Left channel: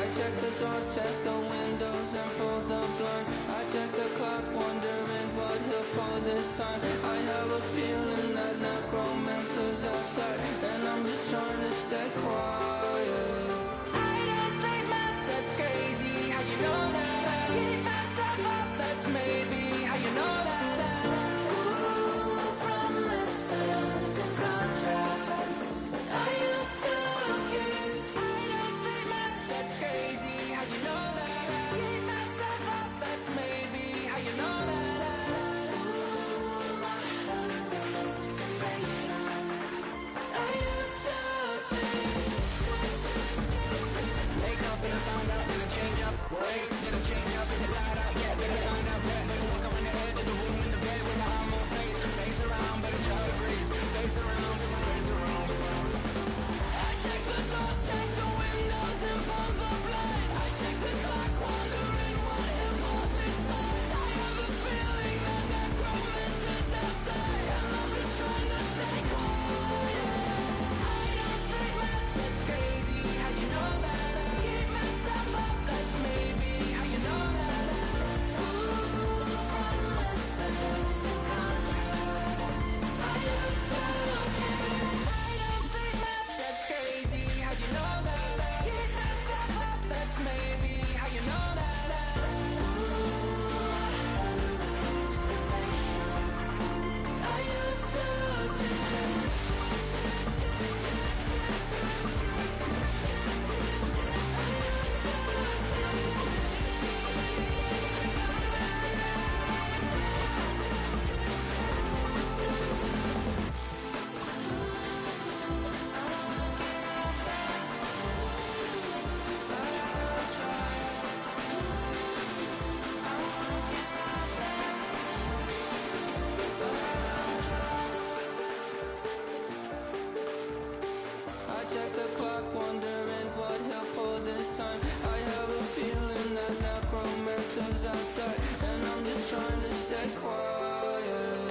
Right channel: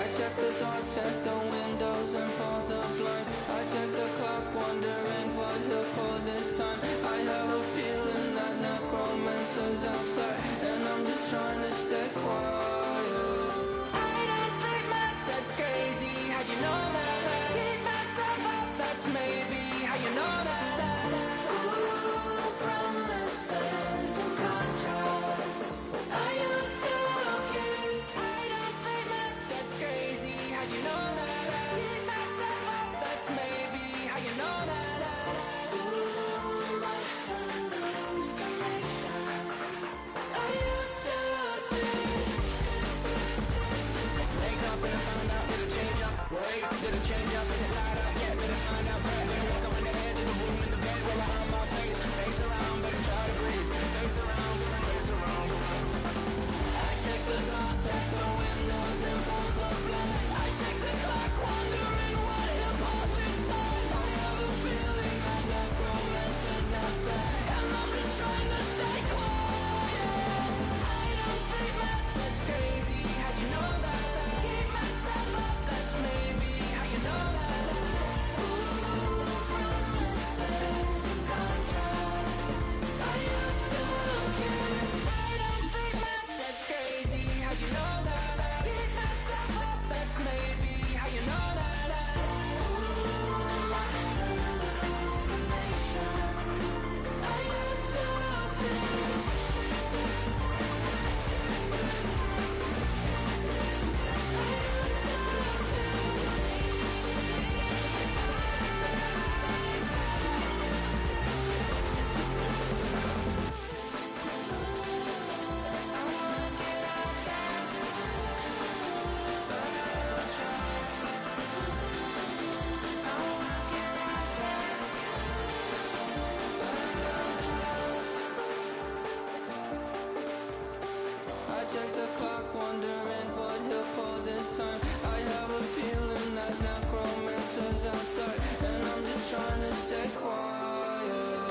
I check the doors, check the windows, and pull the blinds. I check the clock, wondering what he'll pull this time. I have a feeling that necromancer's outside, and I'm just trying to stay quiet. I don't sleep much, that's crazy. How'd you know that? I keep myself up, that's maybe how you know that. Ooh, promises and contracts. I used to keep. I don't sleep much, that's crazy. How'd you know that? I keep myself up, that's maybe how you know that. Ooh, my hallucination. I used to see. Wake up and I found out, did it change up? Wait, did it change up? Is it light out? Yeah, did it find out? Better walk around the edge of the room in the bed with my arm on face. Face around, better try to breathe. Face around, face around. I check the doors, check the windows, and pull the blind. I check the clock, wondering what he'll pull this time. I have a feeling that necromancer's outside, and I'm just trying to stay quiet. I don't sleep much, that's crazy. How'd you know that? I keep myself up, that's maybe how you know that. Ooh, promises and contracts. I used to keep. I don't sleep much, that's crazy. How'd you know that? I keep myself up, that's maybe how you know that. Ooh, my hallucination. I used to see. I check the clock, wondering what he'll pull this time. I have a feeling that necromancer's outside, and I'm just trying to stay quiet.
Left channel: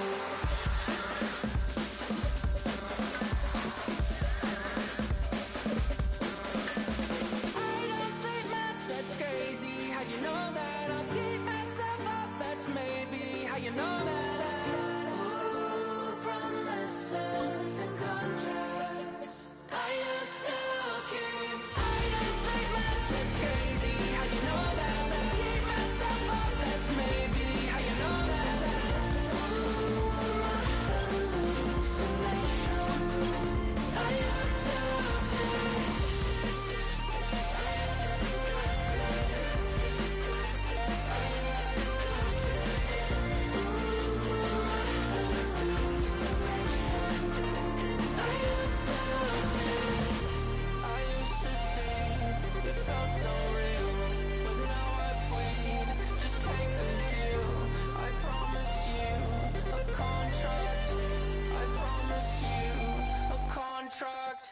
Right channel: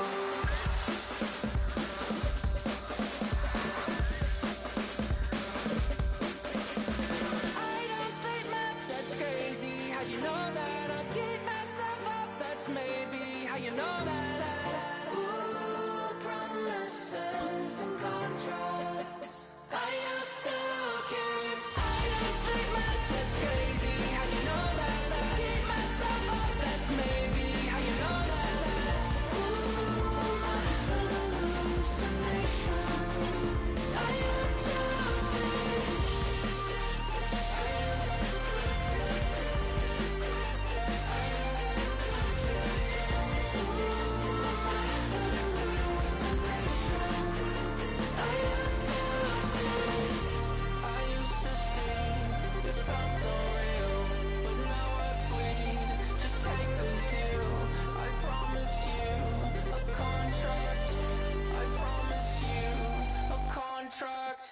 I don't sleep much, that's crazy. How'd you know that? I'll keep myself up, that's maybe how you know that. Ooh, promises and contracts. I used to keep. I don't sleep much, that's crazy. How'd you know that? I keep myself up, that's maybe how you know that. Ooh, my hallucination. I used to see. It felt so real, but now I plead. Just take the deal. I promised you a contract. I promised you a contract.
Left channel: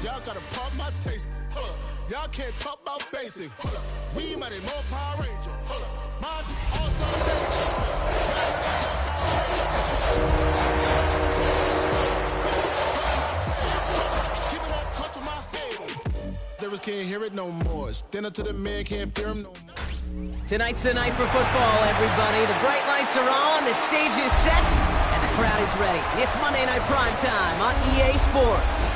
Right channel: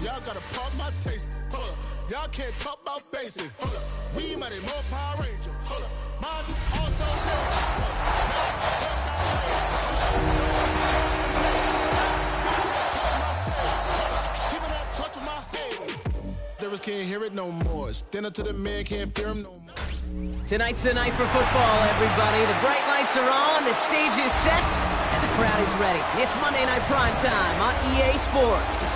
Y'all gotta pump my taste. Hold up. Y'all can't talk about basic. Hold up. We mighty more Power Ranger. Hold up. Mine also danger. Y'all talk about keeping that touch with my head. Devils can't hear it no more. Stand up to the man, can't fear him no more. Tonight's the night for football, everybody. The bright lights are on, the stage is set, and the crowd is ready. It's Monday Night Prime Time on EA Sports.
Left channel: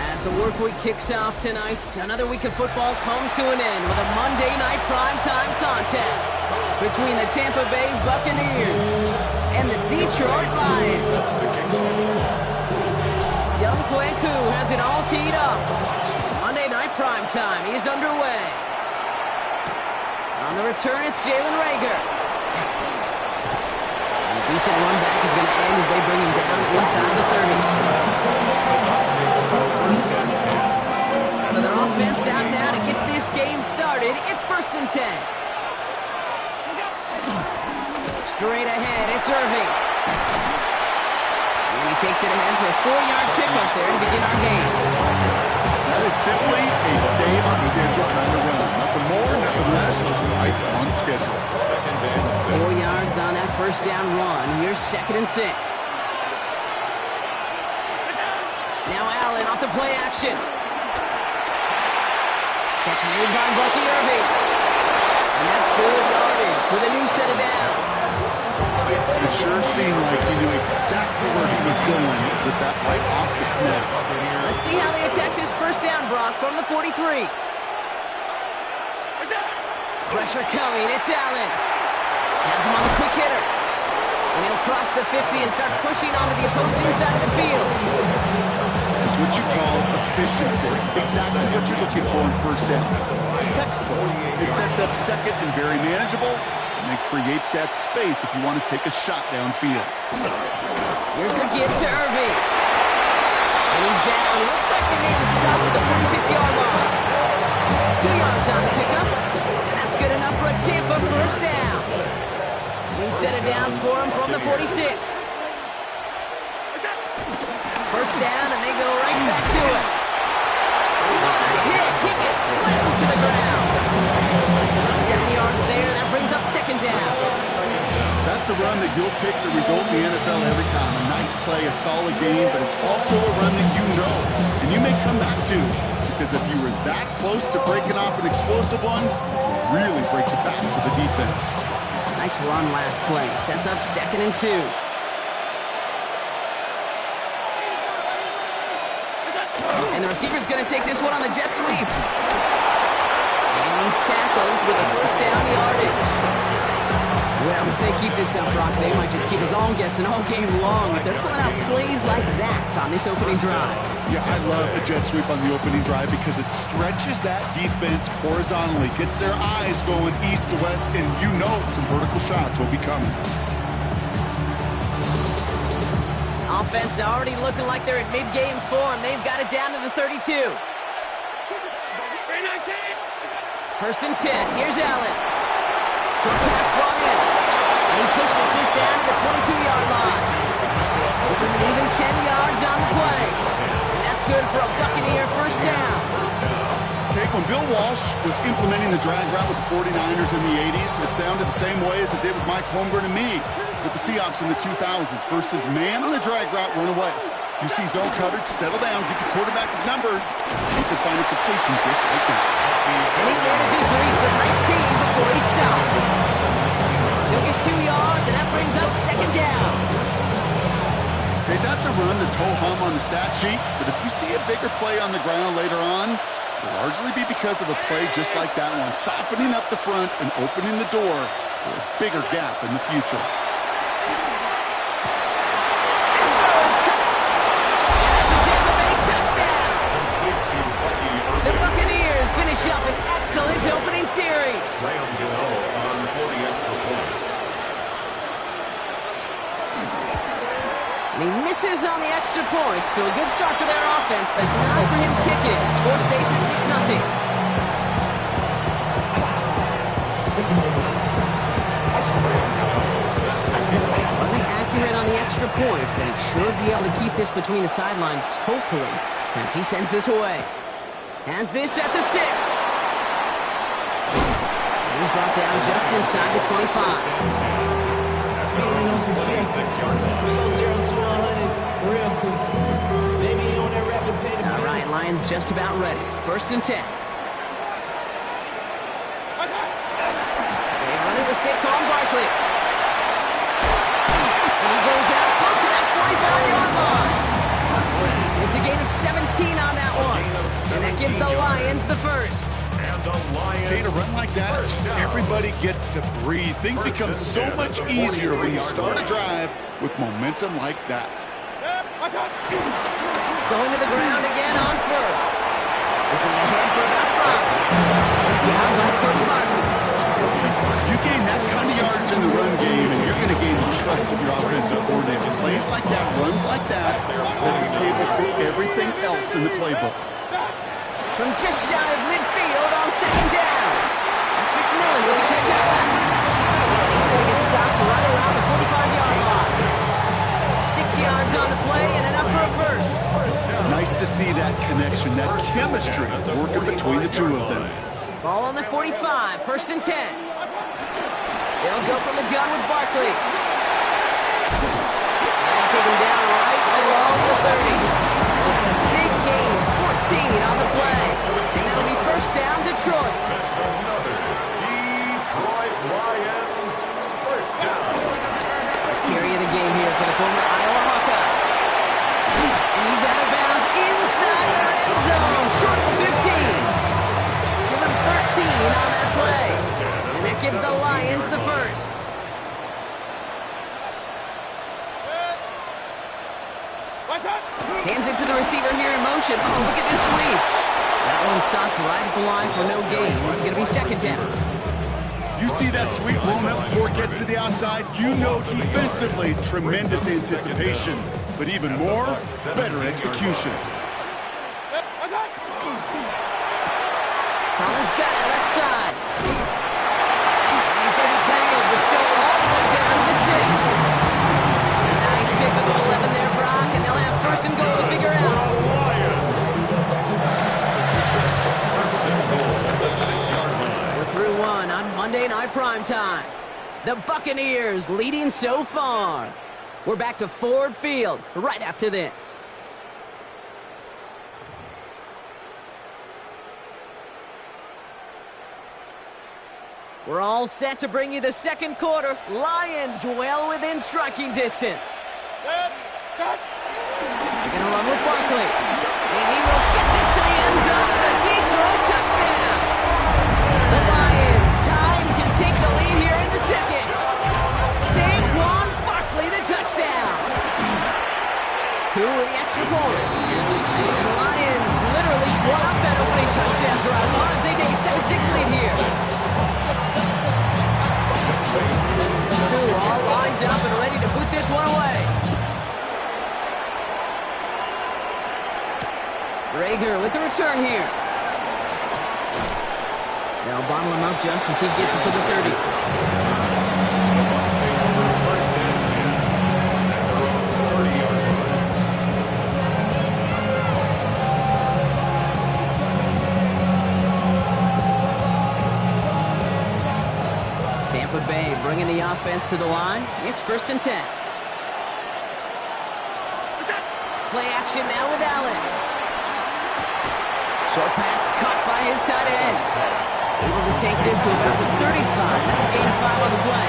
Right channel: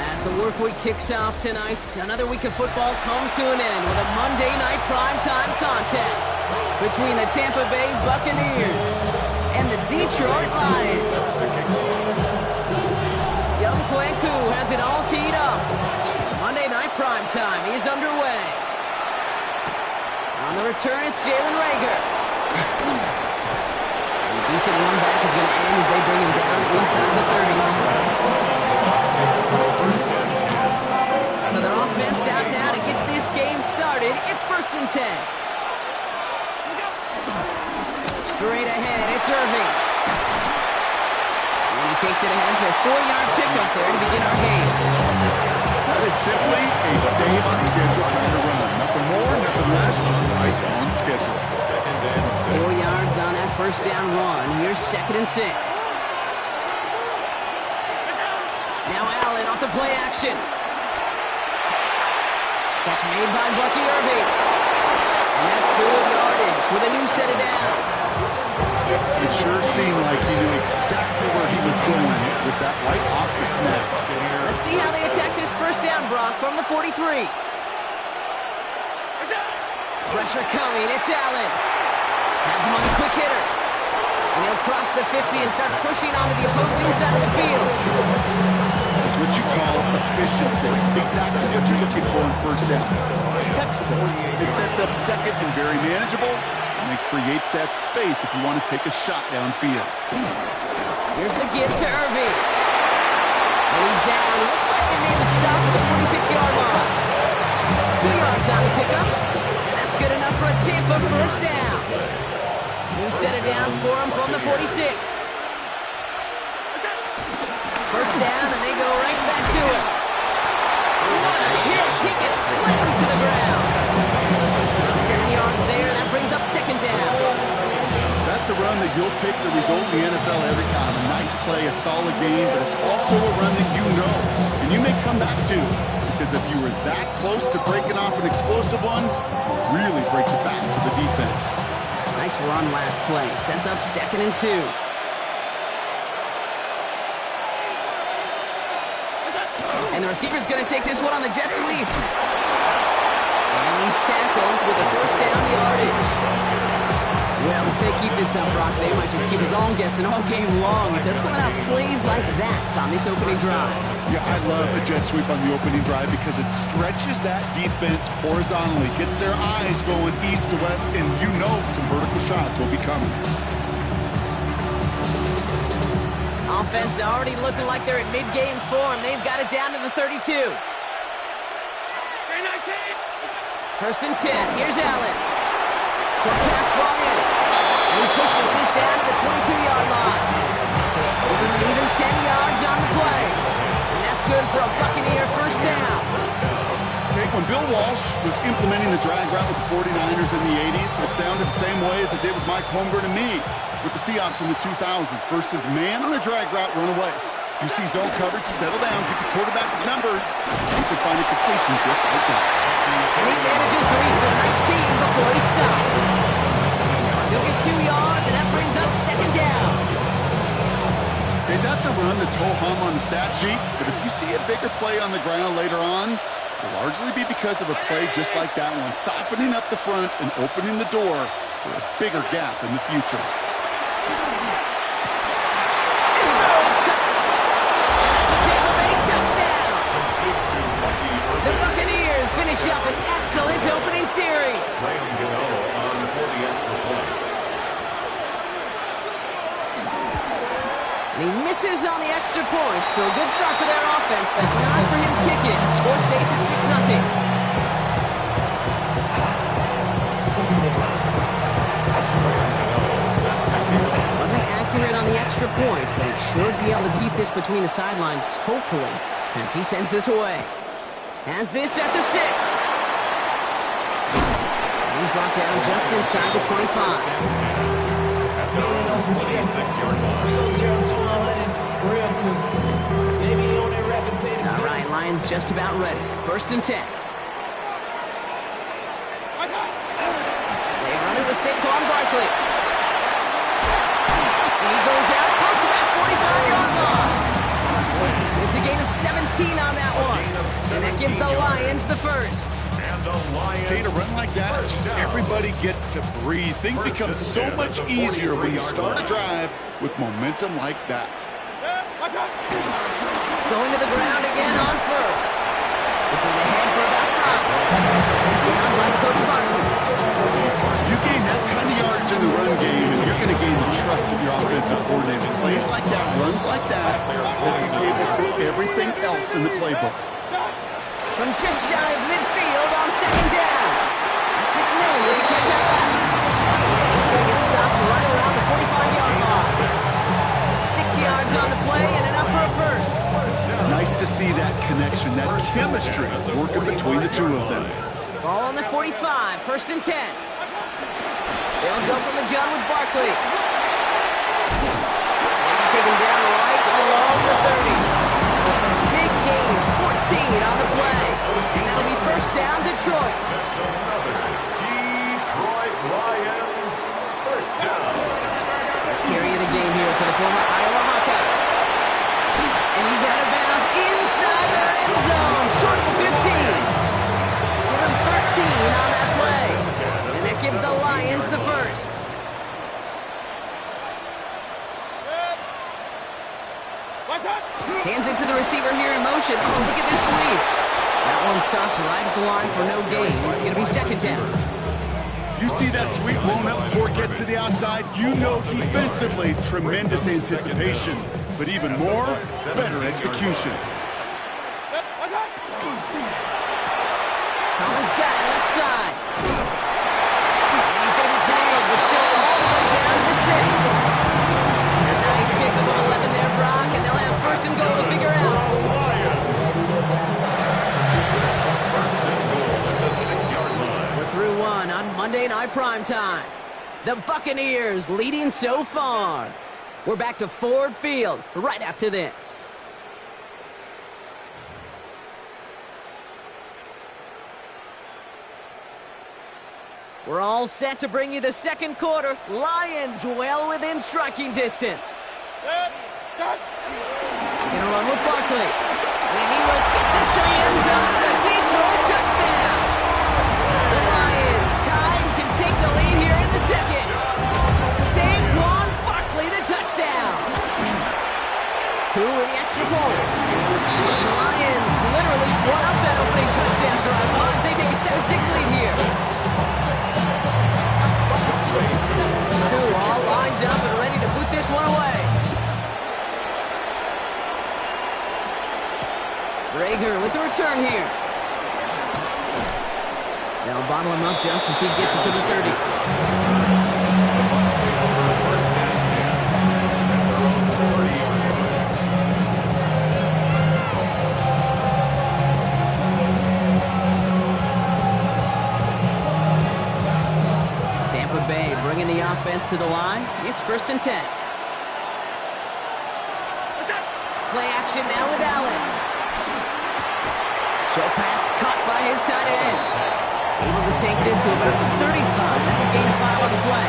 As the work week kicks off tonight, another week of football comes to an end with a Monday night primetime contest between the Tampa Bay Buccaneers and the Detroit Lions. Young Kweku has it all teed up. Monday night primetime is underway. On the return, it's Jalen Reagor. And a decent run back is going to end as they bring him down inside the 30. So their offense out now to get this game started. It's 1st and 10. Straight ahead, it's Irving. And he takes it ahead for a 4-yard pickup there to begin our game. That is simply a stay on schedule kind of run. Nothing more, nothing less, just right on schedule. 4 yards on that first down run. Here's 2nd and 6. Now Allen off the play action. Catch made by Bucky Irving. And that's good yardage with a new set of downs. It sure seemed like he knew exactly where he was going with that right off the snap. Let's see how they attack this first down, Brock, from the 43. Pressure coming. It's Allen. Has him on the quick hitter. And he'll cross the 50 and start pushing onto the opposing side of the field. It's what you call efficiency. Exactly what you're looking for in first down. Textbook. It sets up second and very manageable, and it creates that space if you want to take a shot downfield. Here's the give to Irving. And he's down. Looks like they made the stop at the 46-yard line. 2 yards on the pickup. And that's good enough for a Tampa first down. New set of downs for him from the 46. First down, and they go right back to it. What a hit! He gets flattened to the ground. 7 yards there. That brings up 2nd down. That's a run that you'll take the result in the NFL every time. A nice play, a solid game, but it's also a run that you know, and you may come back to, because if you were that close to breaking off an explosive one, you really break the backs of the defense. Nice run last play. Sets up 2nd and 2. And the receiver's going to take this one on the jet sweep. And he's tackled with a first down yardage. Well, if they keep this up, Brock, they might just keep us all guessing all game long if they're pulling out plays like that on this opening drive. Yeah, I love the jet sweep on the opening drive because it stretches that defense horizontally, gets their eyes going east to west, and you know some vertical shots will be coming. Offense already looking like they're in mid-game form. They've got it down to the 32. 1st and 10. Here's Allen. Short pass brought in. And he pushes this down to the 22-yard line. Open an even 10 yards on the play. And that's good for a Buccaneer first down. Okay, when Bill Walsh was implementing the drag route with the 49ers in the 80s, it sounded the same way as it did with Mike Holmgren and me with the Seahawks in the 2000s. Versus man on the drag route, run away. You see zone coverage, settle down, give the quarterback his numbers. You can find a completion just like that. And he manages to reach the 19 before he stopped. He'll get 2 yards, and that brings up 2nd down. Okay, that's a run that's ho-hum on the stat sheet, but if you see a bigger play on the ground later on, it'll largely be because of a play just like that one, softening up the front and opening the door for a bigger gap in the future. This throw is cut. And that's a Tampa Bay touchdown. The Buccaneers finish up an excellent opening series. And he misses on the extra point, so a good start for their offense, but not for him kicking it. Score stays at 6-0. Wasn't accurate on the extra point, but he should be able to keep this between the sidelines, hopefully, as he sends this away. Has this at the 6. And he's brought down just inside the 25. All right, Lions just about ready. 1st and 10. They run it with Saquon Barkley. And he goes out close to that 45-yard line. It's a gain of 17 on that one. And that gives the Lions the first. Okay, to run like that, just everybody gets to breathe. Things become so much easier when you start a drive with momentum like that. Going to the ground again on first. This is ahead for about 5. Down by Cody Barton. You gain that kind of yardage in the run game, and you're going to gain the trust of your offensive coordinator. Plays like that, runs like that, set the table for everything else in the playbook. From just shy of midfield on second down. That's McMillan with the catch out left. And he's going to get stopped right around the 45-yard line. 6 yards on the play and enough for a first. Nice to see that connection, that chemistry working between the two of them. Ball on the 45, 1st and 10. They'll go from the gun with Barkley. And they take him down right along the 30. Big gain, 14 on the play. And that'll be first down, Detroit. That's another Detroit Lions first down. First carry of the game here for the former Iowa Hawkeye. And he's out of bounds inside the red zone, short of the 15. Give him 13 on that play. And that gives the Lions the first. Hands it to the receiver here in motion. Oh, look at this sweep. That one stopped right at the line for no gain. It's going to be second down. You see that sweep blown up before it gets to the outside, you know defensively, tremendous anticipation. But even more, better execution. Collins got it left side. And he's going to be tangled, but still all the way down to the 6. Nice pick of the 11 there, Brock, and they'll have first and goal to figure out. First and goal at the 6-yard line. We're through one on Monday Night Primetime. The Buccaneers leading so far. We're back to Ford Field right after this. We're all set to bring you the second quarter. Lions well within striking distance. They're going to run with Barkley. And he will get this to the end zone for a Detroit touchdown. The Lions, time can take the lead here in the second. Saquon Barkley, the touchdown. Koo with the extra point. And the Lions literally won up that opening touchdown drive as they take a 7-6 lead here. Koo all lined up and ready to boot this one away. Rager with the return here. They'll bottle him up just as he gets it to the 30. The Bucs take over first and 10 at their own 30-yard line. Tampa Bay bringing the offense to the line. It's 1st and 10. Play action now with Allen. Short pass caught by his tight end. Able to take this to about the 35. That's a gain of 5 on the play.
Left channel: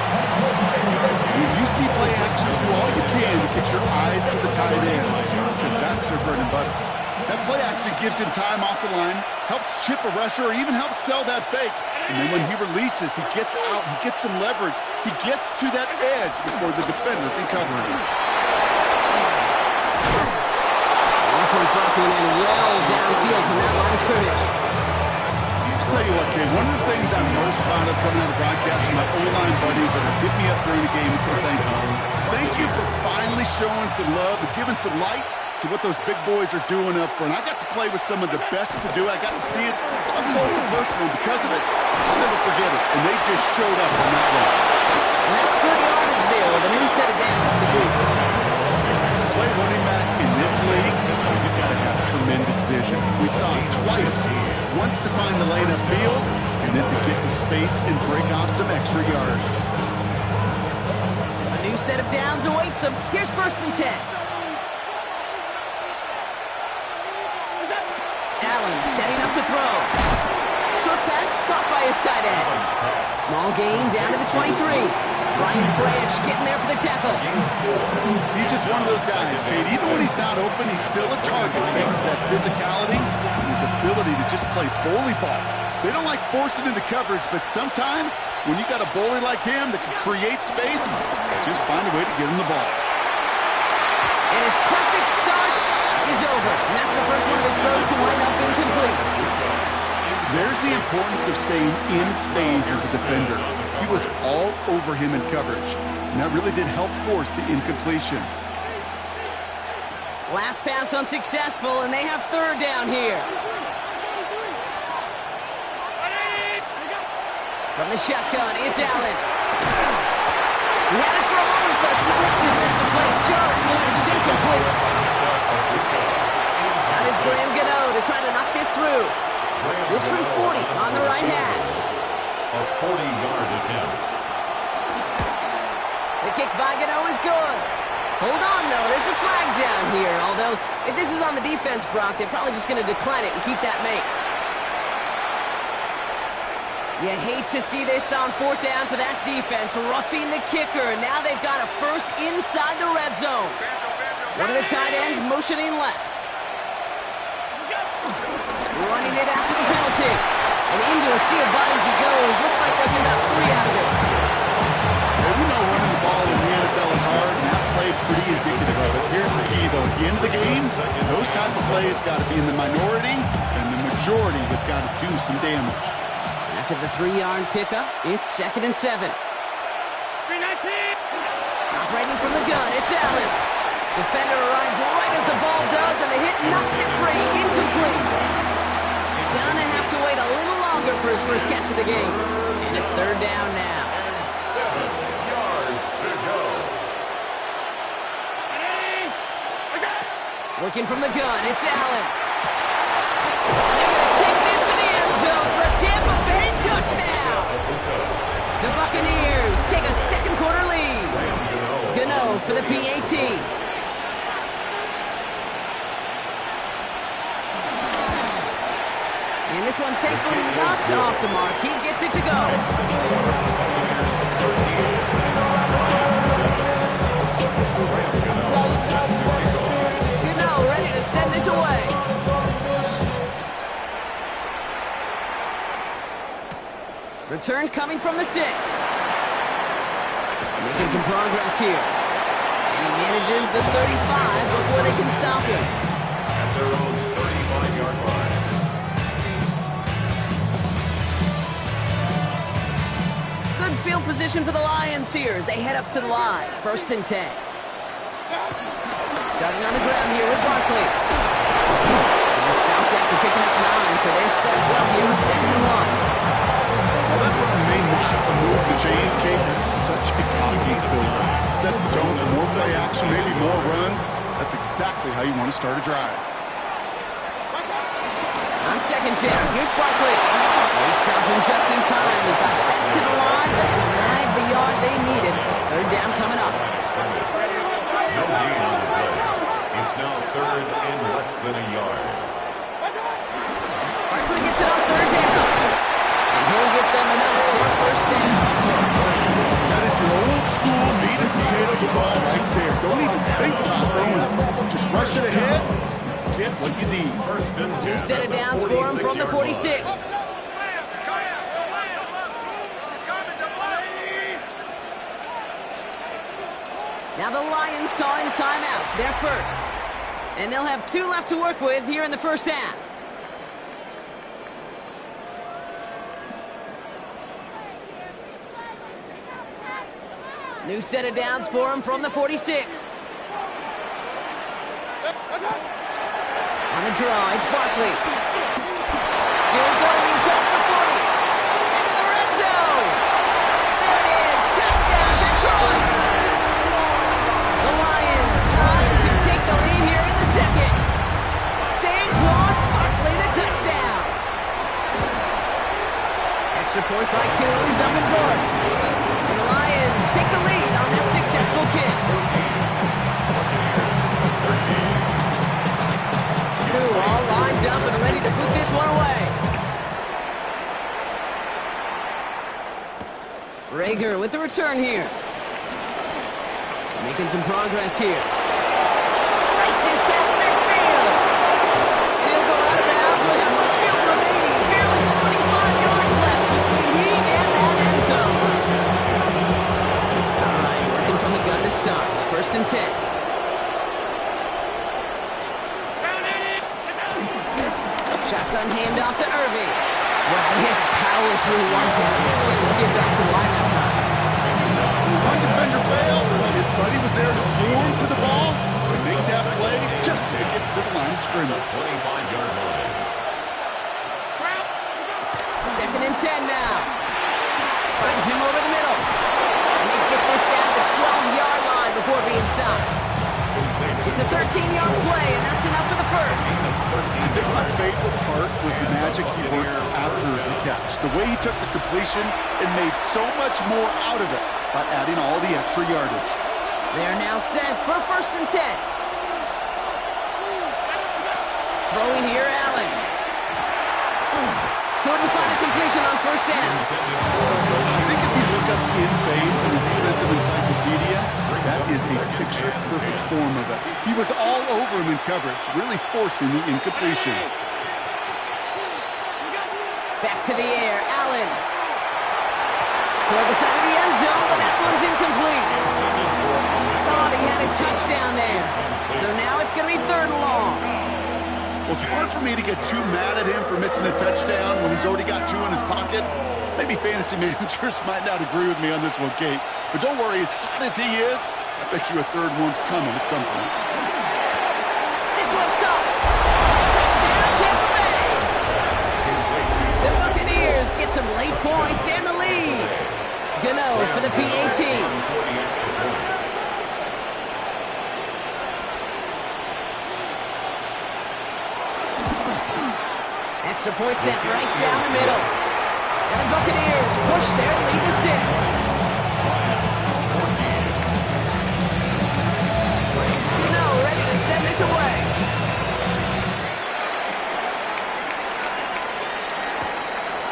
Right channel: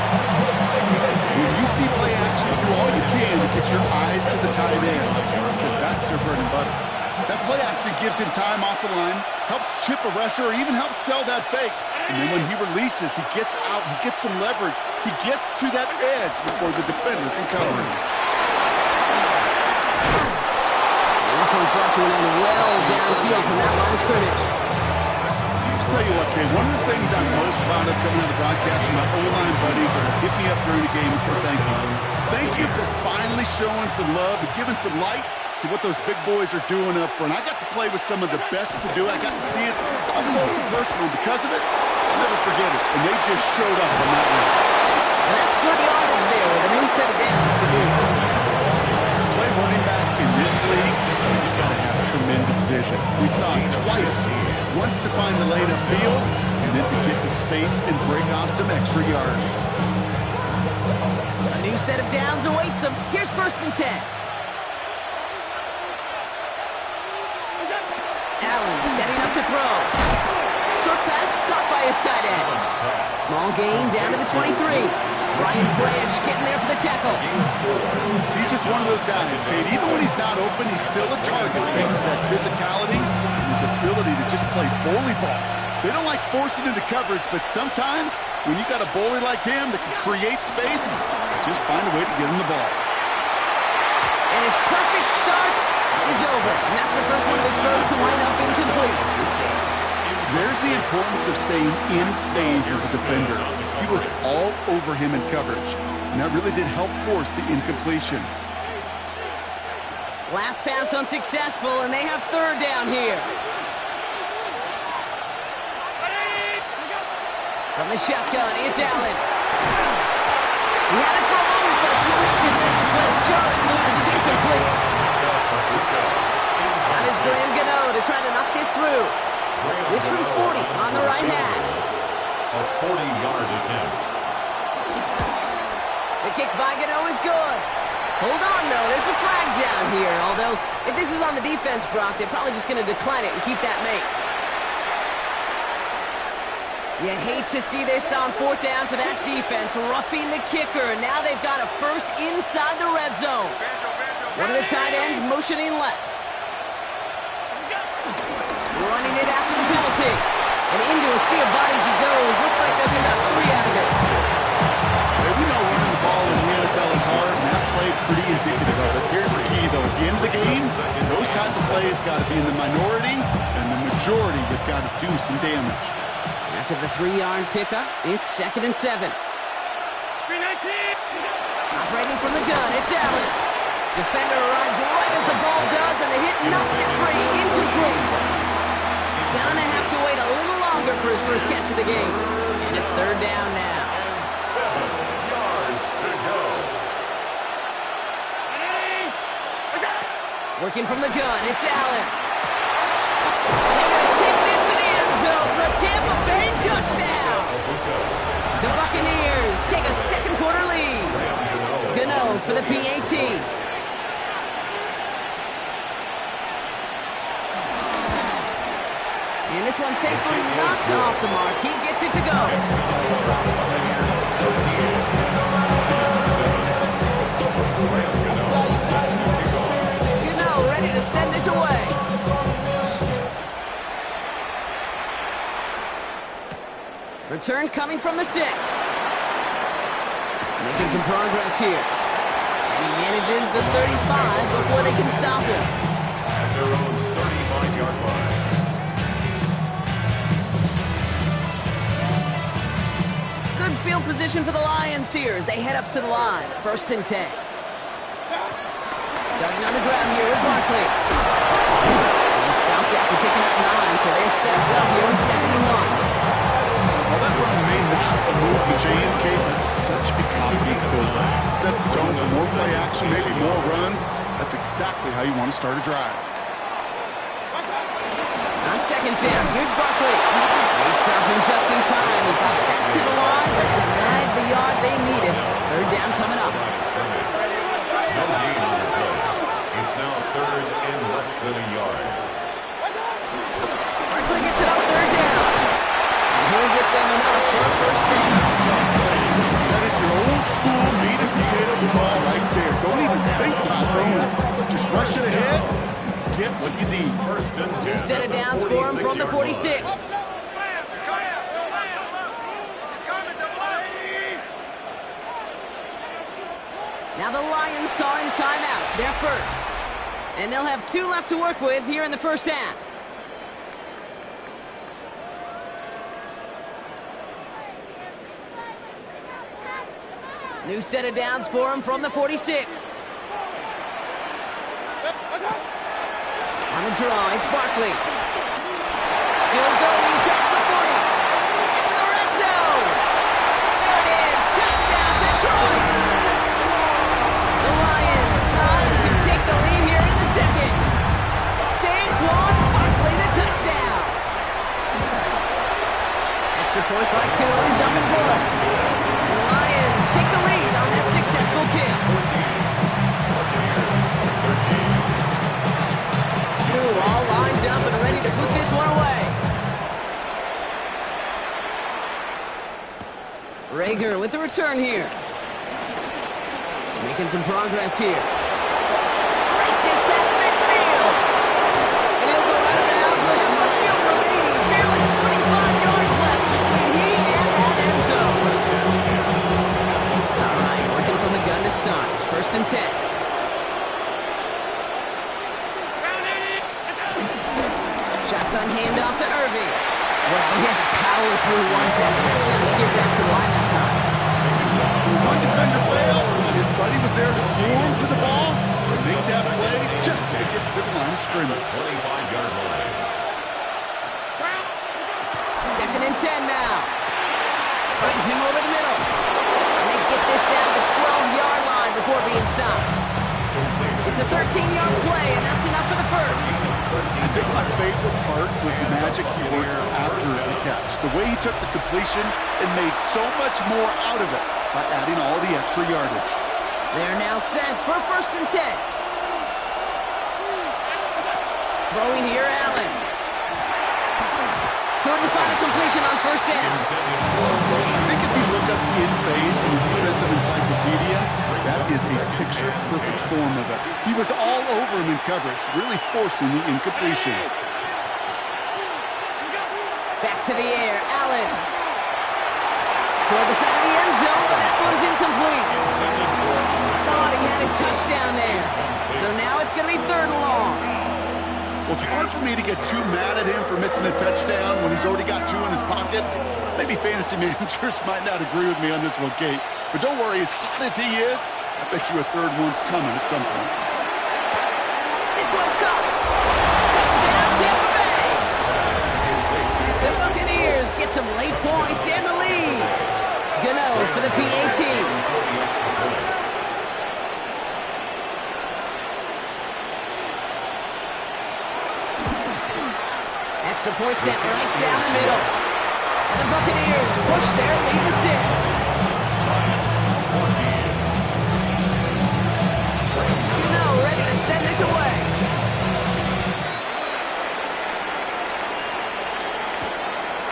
When you see play action, do all you can to get your eyes to the tight end, because that's their bread and butter. That play action gives him time off the line, helps chip a rusher, or even helps sell that fake. And then when he releases, he gets out, he gets some leverage. He gets to that edge before the defender can cover him. This one's brought to an end well downfield from that line of scrimmage. I'll tell you what, Ken, one of the things I'm most proud of coming out of the broadcast are my O-line buddies that have hit me up during the game and said thank you. Thank you for finally showing some love and giving some light to what those big boys are doing up front. I got to play with some of the best to do it. I got to see it up close and personal. Because of it, I'll never forget it. And they just showed up on that run. And that's good yardage there with a new set of downs to boot. To play running back in this league, you've got to have tremendous vision. We saw it twice. Once to find the lane upfield, and then to get to space and break off some extra yards. A new set of downs awaits them. Here's 1st and 10. Allen setting up to throw. Short pass caught by his tight end. Small gain down to the 23. Brian Branch getting there for the tackle. He's just one of those guys, Kate. Even when he's not open, he's still a target thanks to that physicality and his ability to just play bully ball. They don't like forcing into coverage, but sometimes when you got a bully like him that can create space, just find a way to get him the ball. And his perfect start is over. And that's the first one of his throws to wind up incomplete. There's the importance of staying in phase as a defender. He was all over him in coverage, and that really did help force the incompletion. Last pass unsuccessful, and they have third down here. From the shotgun, it's Allen. He had it for a moment, but a great defensive play. Jarrett moves incomplete. That is Graham Gano to try to knock this through. This from 40 on the right hash. A 40-yard attempt. The kick by Gano is good. Hold on, though. There's a flag down here. Although, if this is on the defense, Brock, they're probably just going to decline it and keep that make. You hate to see this on fourth down for that defense, roughing the kicker. Now they've got a first inside the red zone. One of the tight ends motioning left. Running it after the penalty. And into a sea of bodies he goes. Looks like they'll get about 3 out of it. Hey, we know running the ball in the NFL is hard, and that play pretty indicative of it. Here's the key, though. At the end of the game, those type of plays got to be in the minority, and the majority have got to do some damage. After the 3-yard pickup, it's 2nd and 7. Operating from the gun, it's Allen. Defender arrives right as the ball does, and the hit knocks it free. Incomplete. Gonna have to wait a little longer for his first catch of the game. And it's third down now. And 7 yards to go. Working from the gun, it's Allen. And they're going to take this to the end zone for a Tampa Bay touchdown. The Buccaneers take a second quarter lead. Gano for the PAT. And this one, thankfully, not off the mark. He gets it to go. Gano ready to send this away. Return coming from the 6. Making some progress here. And he manages the 35 before they can stop him. At their own 35-yard line. Good field position for the Lions here as they head up to the line. 1st and 10. Starting on the ground here with Barkley. He's stopped after picking up 9, so they're set up well here with 2nd and 1. While that run may not move the chains, Kate, that's such a confidence builder. Sets the tone for more play action, maybe more runs. That's exactly how you want to start a drive. On 2nd down, here's Barkley. They stopped him just in time. He got back to the line, but denied the yard they needed. Third down coming up. No gain on the play. It's now 3rd and less than a yard. Barkley gets it on 3rd down. And he'll get them enough for a first down. That is your old school meat and potatoes call right there. Don't even think about throwing it. Just rush it ahead. Get what you need. 1st and 10. Two set of downs for him from the 46. Now the Lions calling a timeout. They're first. And they'll have 2 left to work with here in the first half. New set of downs for him from the 46. On the draw, it's Barkley. Still going past the 40. Into the red zone. There it is. Touchdown, Detroit. The Lions time to take the lead here in the 2nd. Saquon Barkley, the touchdown. Extra point by Koo is up and good. And the Lions take the lead on that successful kick. 14. All lined up and ready to put this one away. Rager with the return here. Making some progress here. Races past midfield. And he'll go out of bounds with how much field remaining. Barely 25 yards left between he and that end zone. All right, working from the gun to start. First and 10. Shotgun handoff to Irving. Well, he had to power through one tackle just to get back to the line that time. One defender failed. His buddy was there to swarm to the ball and make that play just as it gets to the line of scrimmage. 25-yard line. Second and 10 now. Finds him over the middle. And they get this down to the 12-yard line before being stopped. It's a 13-yard play, and that's enough for the first. I think my favorite part was the magic he worked after the catch. The way he took the completion and made so much more out of it by adding all the extra yardage. They're now set for first and 10. Throwing here, Allen. Couldn't find a completion on first down. I think if you look up in phase in the defensive encyclopedia, that is a picture-perfect form of it. He was all over him in coverage, really forcing the incompletion. Back to the air, Allen. Toward the side of the end zone, but that one's incomplete. Thought he had a touchdown there. So now it's going to be third and long. Well, it's hard for me to get too mad at him for missing a touchdown when he's already got two in his pocket. Maybe fantasy managers might not agree with me on this one, Kate. But don't worry, as hot as he is, I bet you a third one's coming at some point. This one's caught. Touchdown, Tampa Bay. The Buccaneers get some late points and the lead. Gano for the PAT. Extra point sent right down the middle. And the Buccaneers push their lead to 6. Gano ready to send this away.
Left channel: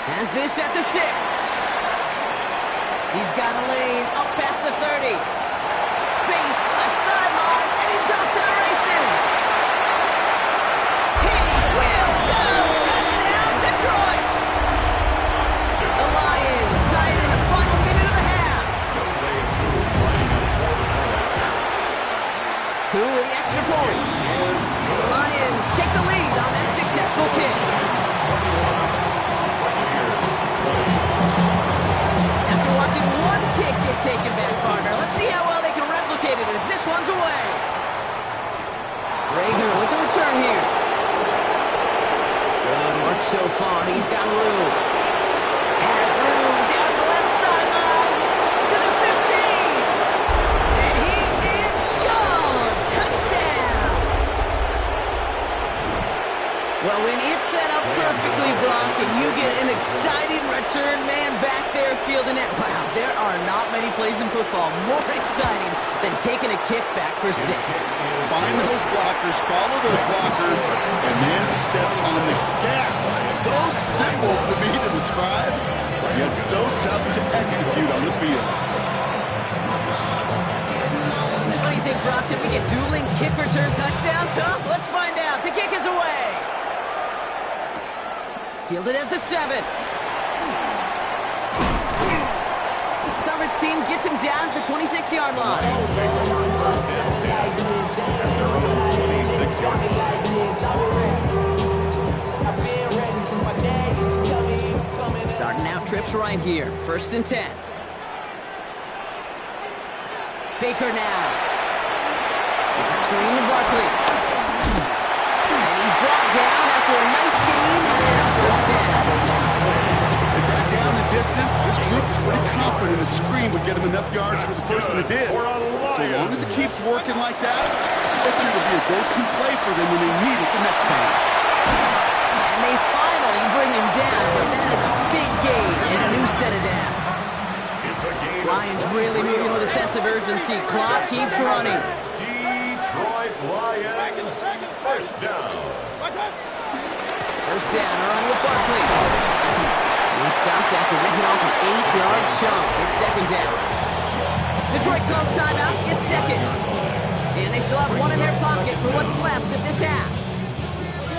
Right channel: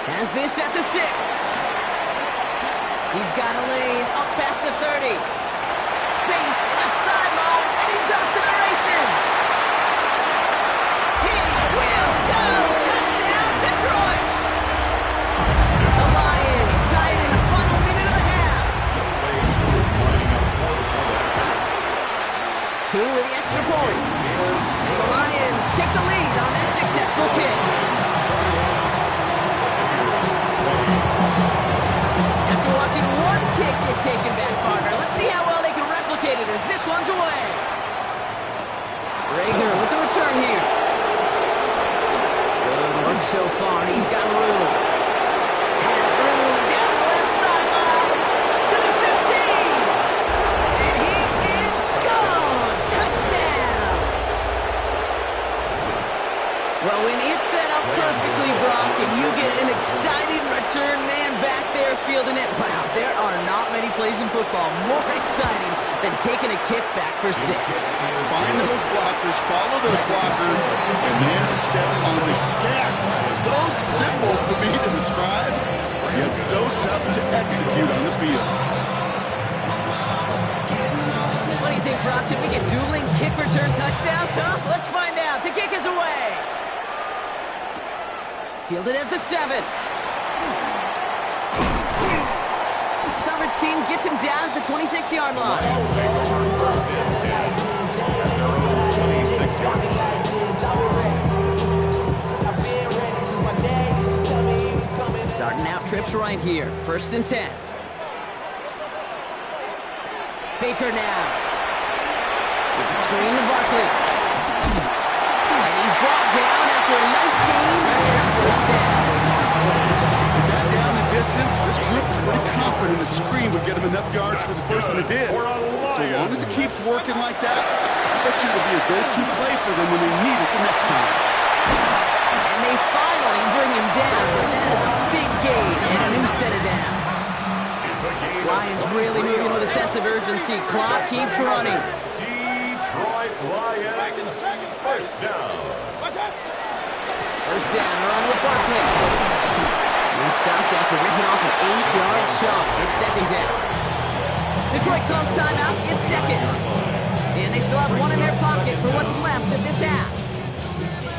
Has this at the 6. He's got a lane up past the 30. Space left sideline, and he's off to the races. He will go! Touchdown, Detroit! The Lions tie it in the final minute of the half. Koo with the extra point. The Lions take the lead on that successful kick. After watching one kick get taken back, partner, let's see how well they can replicate it as this one's away. Rager with the return here. Good work so far. He's got room. Has room down the left sideline to the 15. And he is gone. Touchdown. Well, when it's set up perfectly, Brock, and you get an exciting return man back there fielding it, wow, there are not many plays in football more exciting than taking a kick back for 6. Find those blockers, follow those blockers, and then step on the gas. So simple for me to describe, yet so tough to execute on the field. What do you think, Brock? Did we get dueling kick return touchdowns, huh? Let's find out. The kick is away. Fielded at the 7. Coverage team gets him down at the 26-yard line. Starting out trips right here. First and 10. Baker now. It's a screen to Barkley. And he's brought down after a nice gain and a first down. They got down the distance. This group was pretty confident the screen would get him enough yards for the first, and it did. So long as it keeps working like that, I bet you it'll be a go-to play for them when they need it the next time. And they finally bring him down, but that is a big gain and a new set of downs. Lions really moving with a sense of urgency. Clock keeps running. Detroit Lions, first down. First down, run with Barkley. He stopped after ripping off an 8-yard chunk. It's second down. Detroit calls timeout. It's second. And they still have one in their pocket for what's left of this half.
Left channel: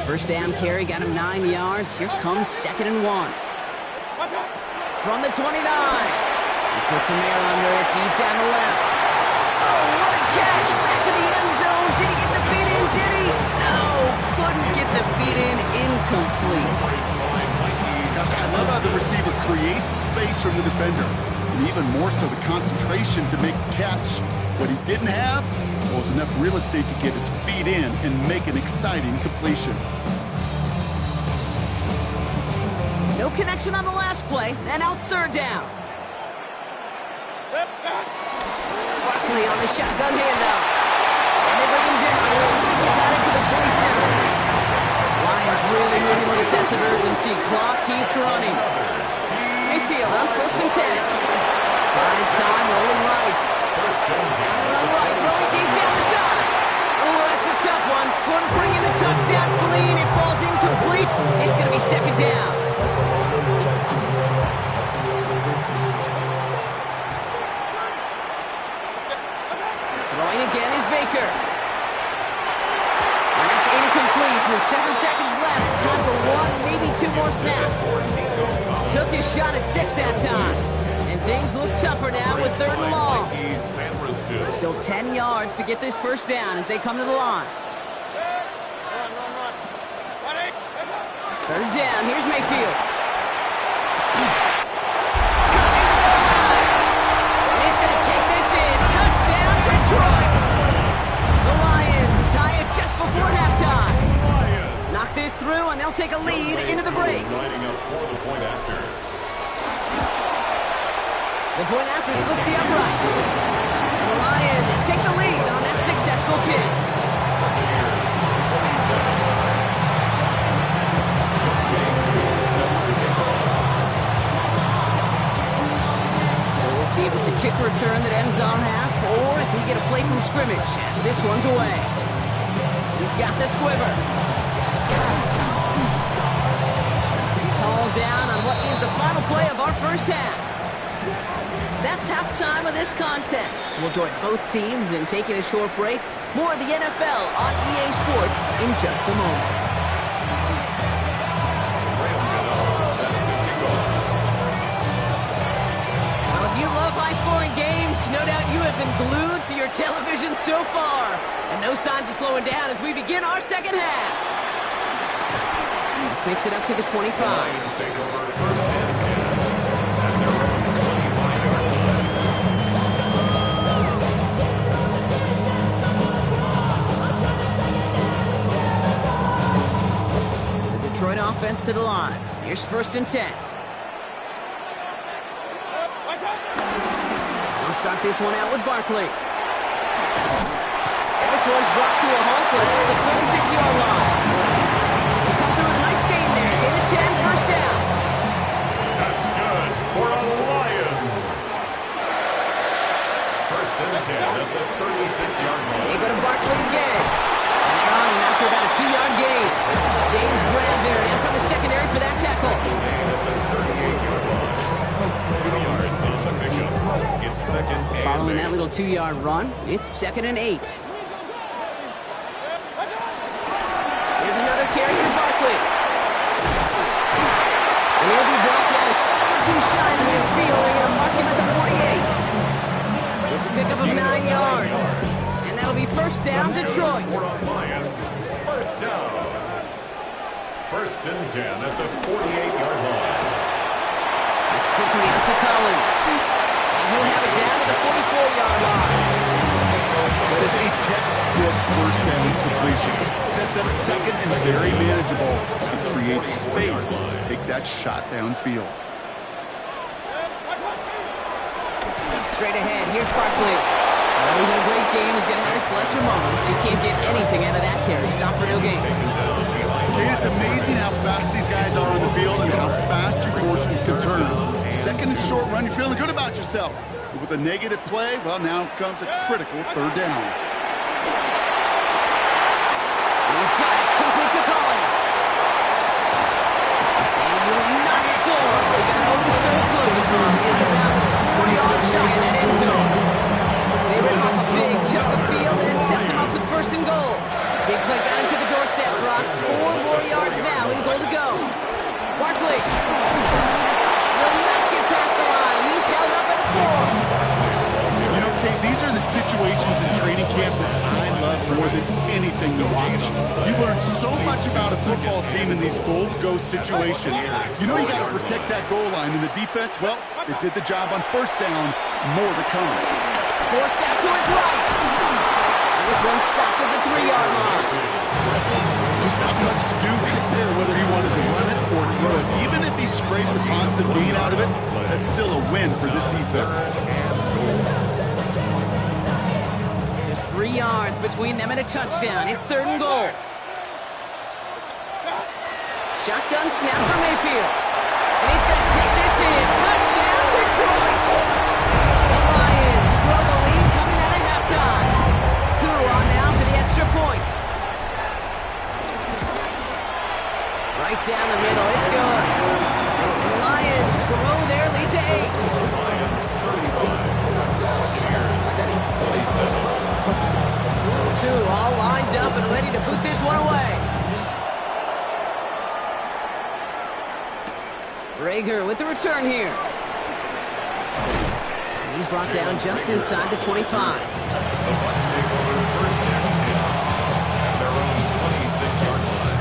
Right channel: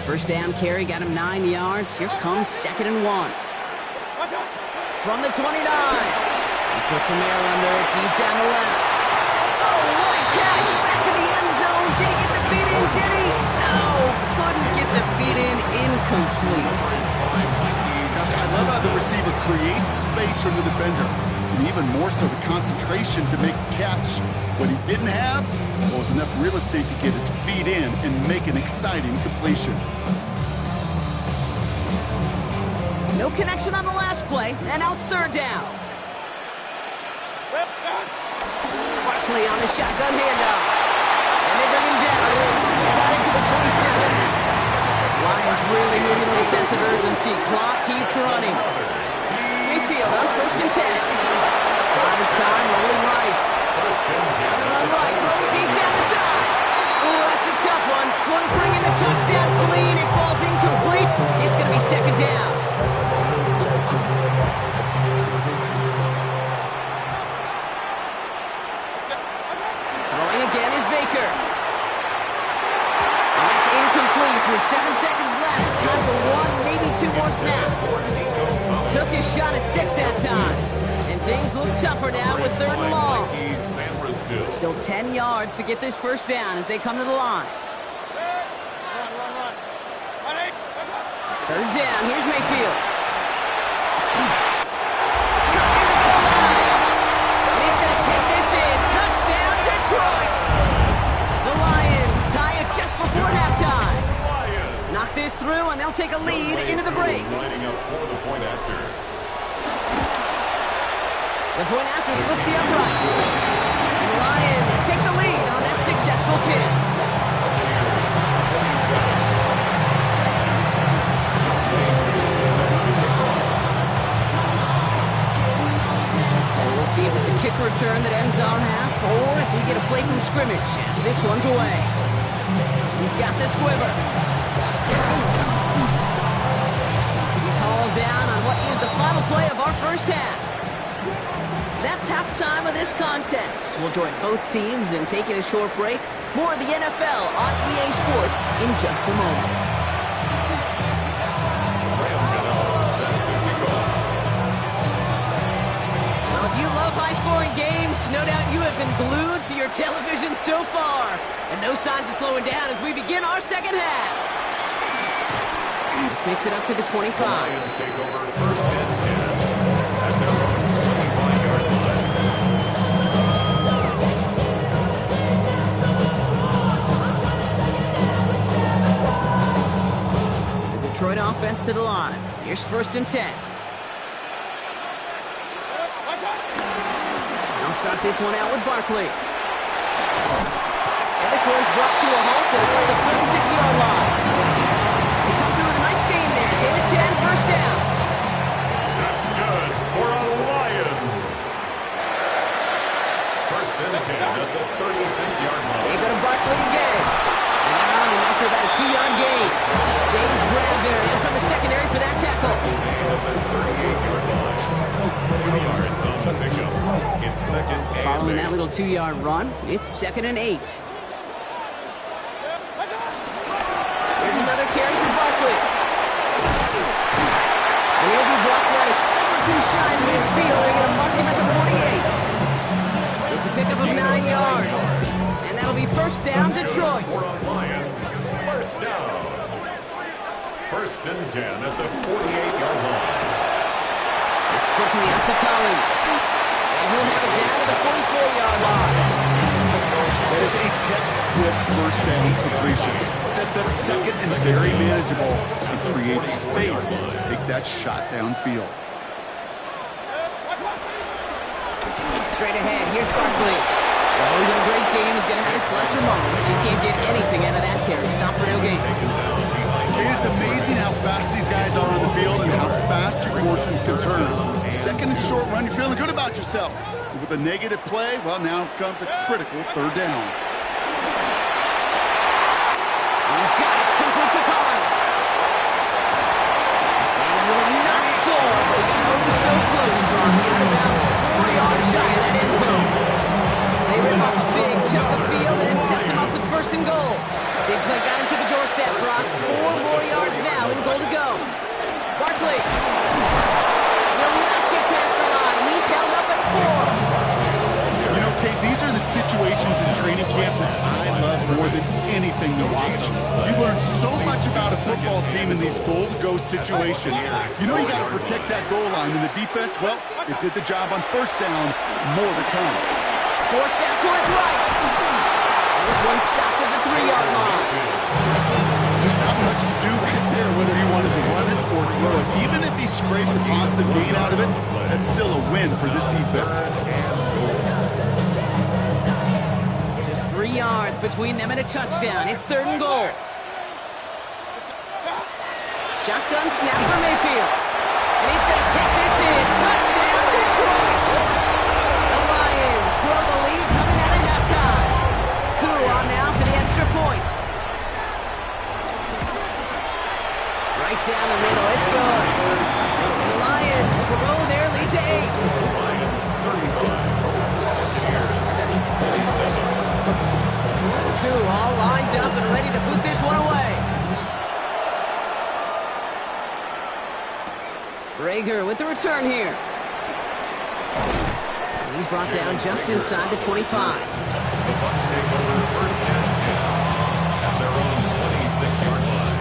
First down carry got him 9 yards. Here comes 2nd and 1. From the 29. He puts a man under it deep down the left. Oh, what a catch! Back to the end zone. Did he get the feet in? Did he? No, couldn't get the feet in. Incomplete. Gosh, I love how the receiver creates space from the defender, and even more so the concentration to make the catch. What he didn't have was enough real estate to get his feet in and make an exciting completion. No connection on the last play, and now it's third down. Barkley on the shotgun handoff. And they bring him down. It looks like he got it to the 27. Lions really moving a little sense of urgency. Clock keeps running. Mayfield on 1st and 10. Buys time, rolling right. Run right, throwing deep down the side. Oh, that's a tough one. Couldn't bring in the touchdown clean. It falls incomplete. It's going to be second down. Throwing again is Baker. And that's incomplete with 7 seconds left. Time for 1, maybe 2 more snaps. Took his shot at 6 that time. And things look tougher now with 3rd and long. Still 10 yards to get this first down as they come to the line. Third down, here's Mayfield. Cut near the goal line. And he's going to take this in. Touchdown, Detroit! The Lions tie it just before halftime. Knock this through, and they'll take a lead into the break. Lining up for the point after. The point after splits the upright. And the Lions take the lead on that successful kick. Buccaneers, 27. So we'll see if it's a kick return that ends on half, or if we get a play from scrimmage as this one's away. He's got the squiver. He's hauled down on what is the final play of our first half. That's halftime of this contest. We'll join both teams in taking a short break. More of the NFL on EA Sports in just a moment. Graham Gano set to kick off. Well, if you love high-scoring games, no doubt you have been glued to your television so far. And no signs of slowing down as we begin our second half. This makes it up to the 25. The Lions take over 1st and 10 at their own 25-yard line. The Detroit offense to the line. Here's 1st and 10. They'll start this one out with Barkley. And this one's brought to a halt at about the 36-yard line. They come through with a nice gain there. Gain of 10, first down. That's good for a Lions. 1st and 10 at the 36-yard line. They go to Barkley again. And they're on him after about a 2-yard gain. James Bradbury in from the secondary for that tackle. Gain at the 38-yard line. 2 yards on the pickup. It's 2nd and Following 8. that little 2-yard run, it's 2nd and 8. Here's another carry for Barkley. And he'll be brought down a step or two shy of midfield. They're going to mark him at the 48. It's a pickup of 9 yards. And that'll be first down, Detroit. For a Lions, 1st down. 1st and 10 at the 48-yard line. It's quickly out to Collins. And he'll have it down to the 44-yard line. That is a textbook first down completion. Sets up 2nd and very manageable. It creates space to take that shot downfield. Straight ahead, here's Barkley. Well, even a great game is going to have its lesser moments. You can't get anything out of that carry. Stop for no gain. And it's amazing how fast these guys are on the field and how fast your fortunes can turn. 2nd and short run, you're feeling good about yourself. But with a negative play, well, now comes a critical 3rd down. He's got it, complete to Collins. And he will not score, but he got Brock. Out of bounds, 4 yards shy of that end zone. They rip off a big chunk of field and it sets him up with first and goal. Big play got him to the doorstep, Brock. 4 more yards now and goal to go. Barkley will not get past the line. He's held up at the 4. You know, Kate, these are the situations in training camp that I love more than anything to watch. You learn so much about a football team in these goal-to-go situations. You know you got to protect that goal line, and the defense, well, it did the job on first down. More to come. Forced out to his right. And this one stopped at the 3-yard line. Just not much to do right there, whether he wanted to run it or throw it. Even if he scraped the positive gain out of it, that's still a win for this defense. Just 3 yards between them and a touchdown. It's 3rd and goal. Shotgun snap for Mayfield. And he's going to take this in. Touchdown, Detroit! The Lions grow the lead coming out of halftime. Koo on now for the extra point. Right down the middle, it's good. And the Lions grow their lead to 8. Lions 35. Buccaneers 27. Koo all lined up and ready to boot this one away. Rager with the return here. And he's brought down just inside the 25. The Bucs take over first and 10 at their own 26-yard line.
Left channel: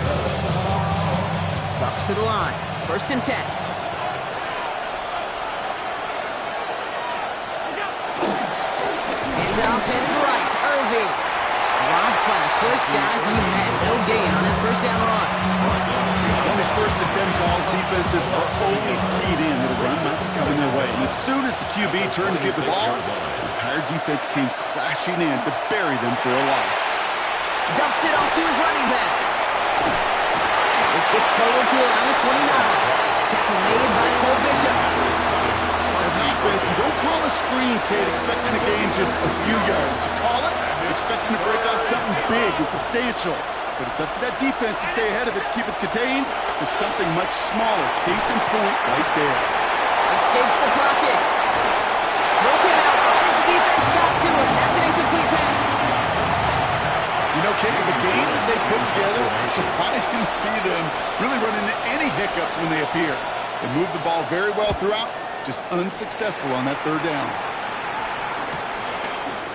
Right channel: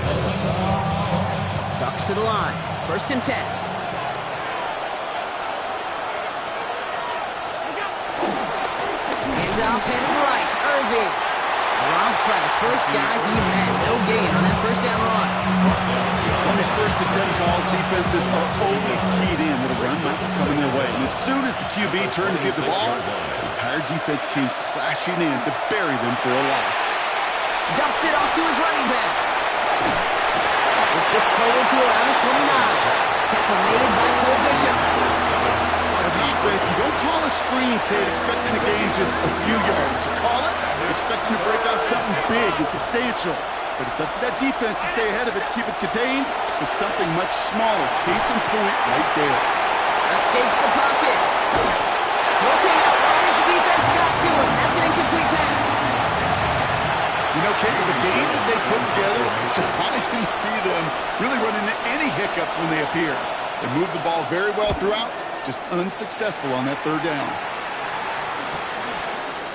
Bucs to the line. 1st and 10. Handoff headed right. Irving. Dropped by the first guy he met. No gain on that first down run. On these 1st and 10 calls, defenses are always keyed in that a run might be coming their way. And as soon as the QB turned to give the ball, the entire defense came crashing in to bury them for a loss. Dumps it off to his running back. This gets forward to around the 29. Tackle made by Cole Bishop. As an offense, you don't call a screen, kid, expecting to gain just a few yards. You call it expecting to break out something big and substantial. But it's up to that defense to stay ahead of it, to keep it contained to something much smaller. Case in point right there. Escapes the pocket. Throw came out right as the defense got to him. That's an incomplete pass. You know, Kate, the game that they put together, surprising to see them really run into any hiccups when they appear. They move the ball very well throughout, just unsuccessful on that 3rd down.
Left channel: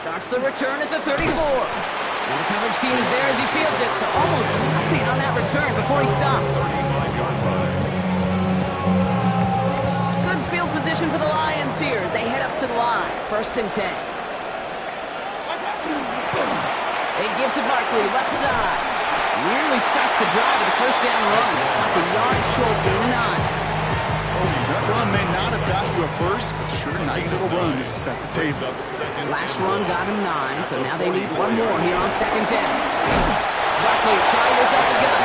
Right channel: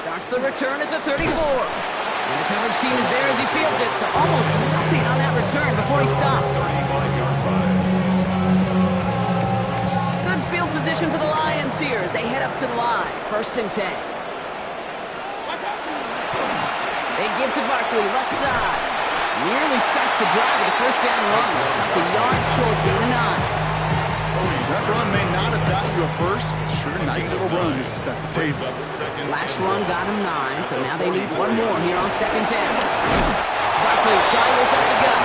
Starts the return at the 34. And the coverage team is there as he fields it, so almost nothing on that return before he stopped. 35-yard line. Good field position for the Lions here as they head up to the line. 1st and 10. They give to Barkley, left side. Nearly starts the drive with a first down run. Stopped a yard short, gain of 9. That run may not have gotten you a first, but sure, nice little run to set the table. Last run got him 9, so now they need one more here on 2nd down. Barkley trying this up the gut.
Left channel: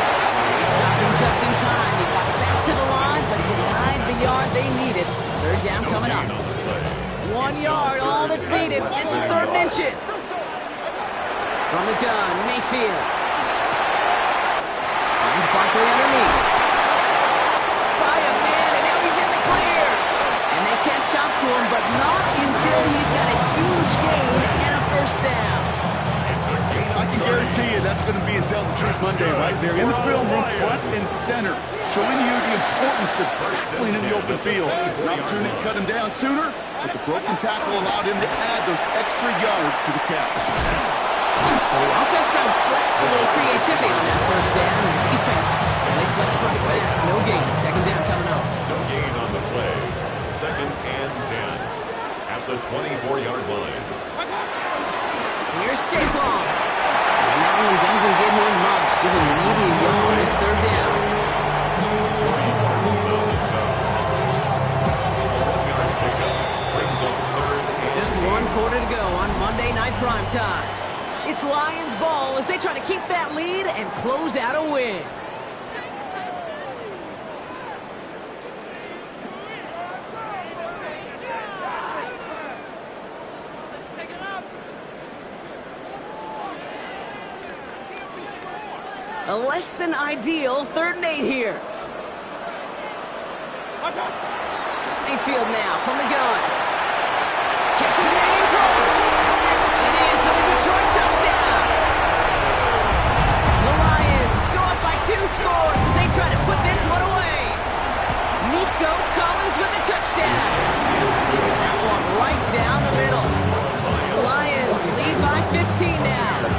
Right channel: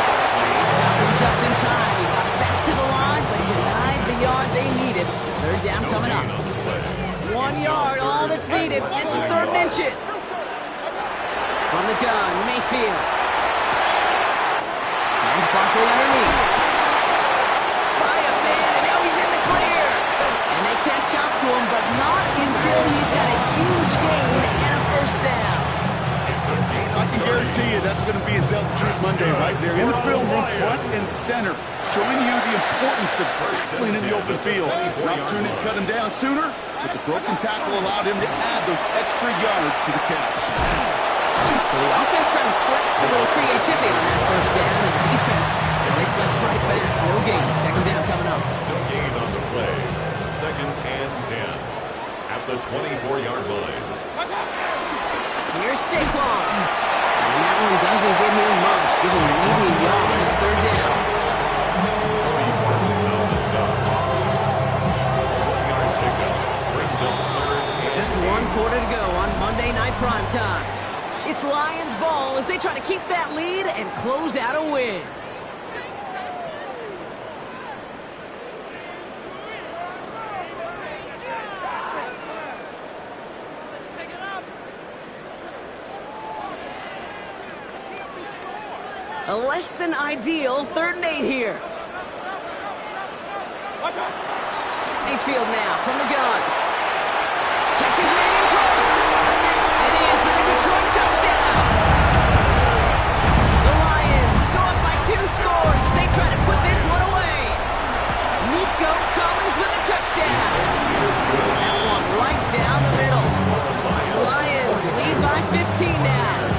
He stopped him just in time. He got back to the line, but denied the yard they needed. 3rd down coming up. 1 yard, all that's needed. This is 3rd and inches. From the gun, Mayfield. Finds Barkley underneath. By a man, and now he's in the clear. And they catch up to him, but not until he's got a huge gain and a first down. I can guarantee you that's going to be in Tell the Truth Monday right there in the film room, front and center, showing you the importance of tackling in the open field. An opportunity to cut him down sooner, but the broken tackle allowed him to add those extra yards to the catch. So the offense trying to flex a little creativity on that first down, and the defense, well, they flex right back. No gain. 2nd down coming up. No gain on the play. 2nd and 10 at the 24-yard line. Here's Saquon. And that one doesn't give him much. Give him maybe a yard. It's 3rd down. Cody Martin on the stop. A 1-yard pickup brings up 3rd and Just 1 quarter to go on Monday Night Primetime. It's Lions ball as they try to keep that lead and close out a win. A less than ideal 3rd and 8 here. Mayfield now from the gun. Catches made in close. And in for the Detroit touchdown. The Lions go up by 2 scores as they try to put this one away. Nico Collins with a touchdown. That one right down the middle. The Lions lead by 15 now.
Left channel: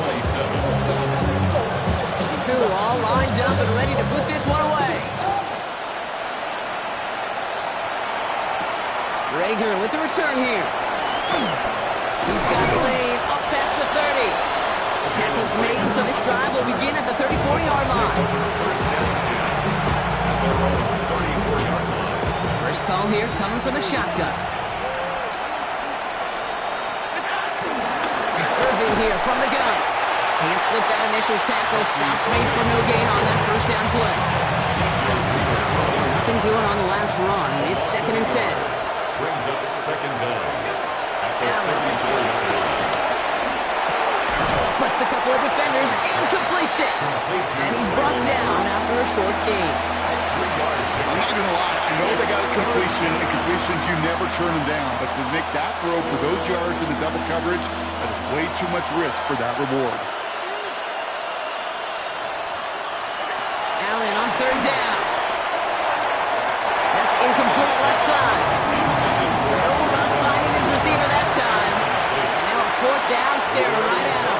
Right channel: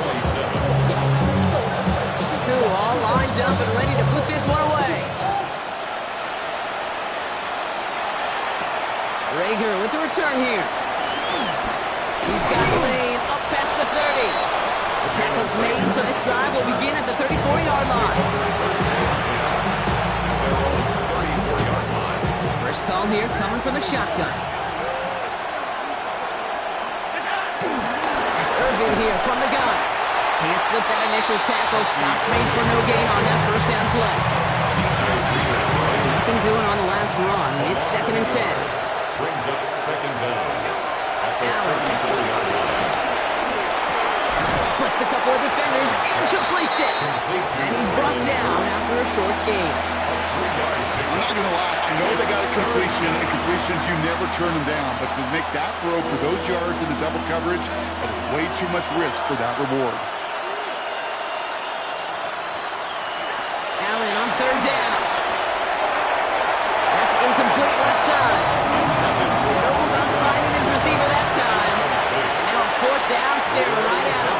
27. Koo all lined up and ready to put this one away. Rager with the return here. He's got a lane up past the 30. The tackle's made, so this drive will begin at the 34-yard line. First and 10 at their own 34-yard line. First call here coming from the shotgun. Irving here from the gun. Can't slip that initial tackle. Stops made for no gain on that first down play. Nothing doing on the last run. It's 2nd and 10. Brings up second down at the 34-yard line. Splits a couple of defenders and completes it. And he's brought down after a short gain. I'm not going to lie. I know they got a completion, and completions, you never turn them down. But to make that throw for those yards in the double coverage, that is way too much risk for that reward. Allen on 3rd down. That's incomplete left side. No luck finding his receiver that time. And now a 4th down, staring right at him.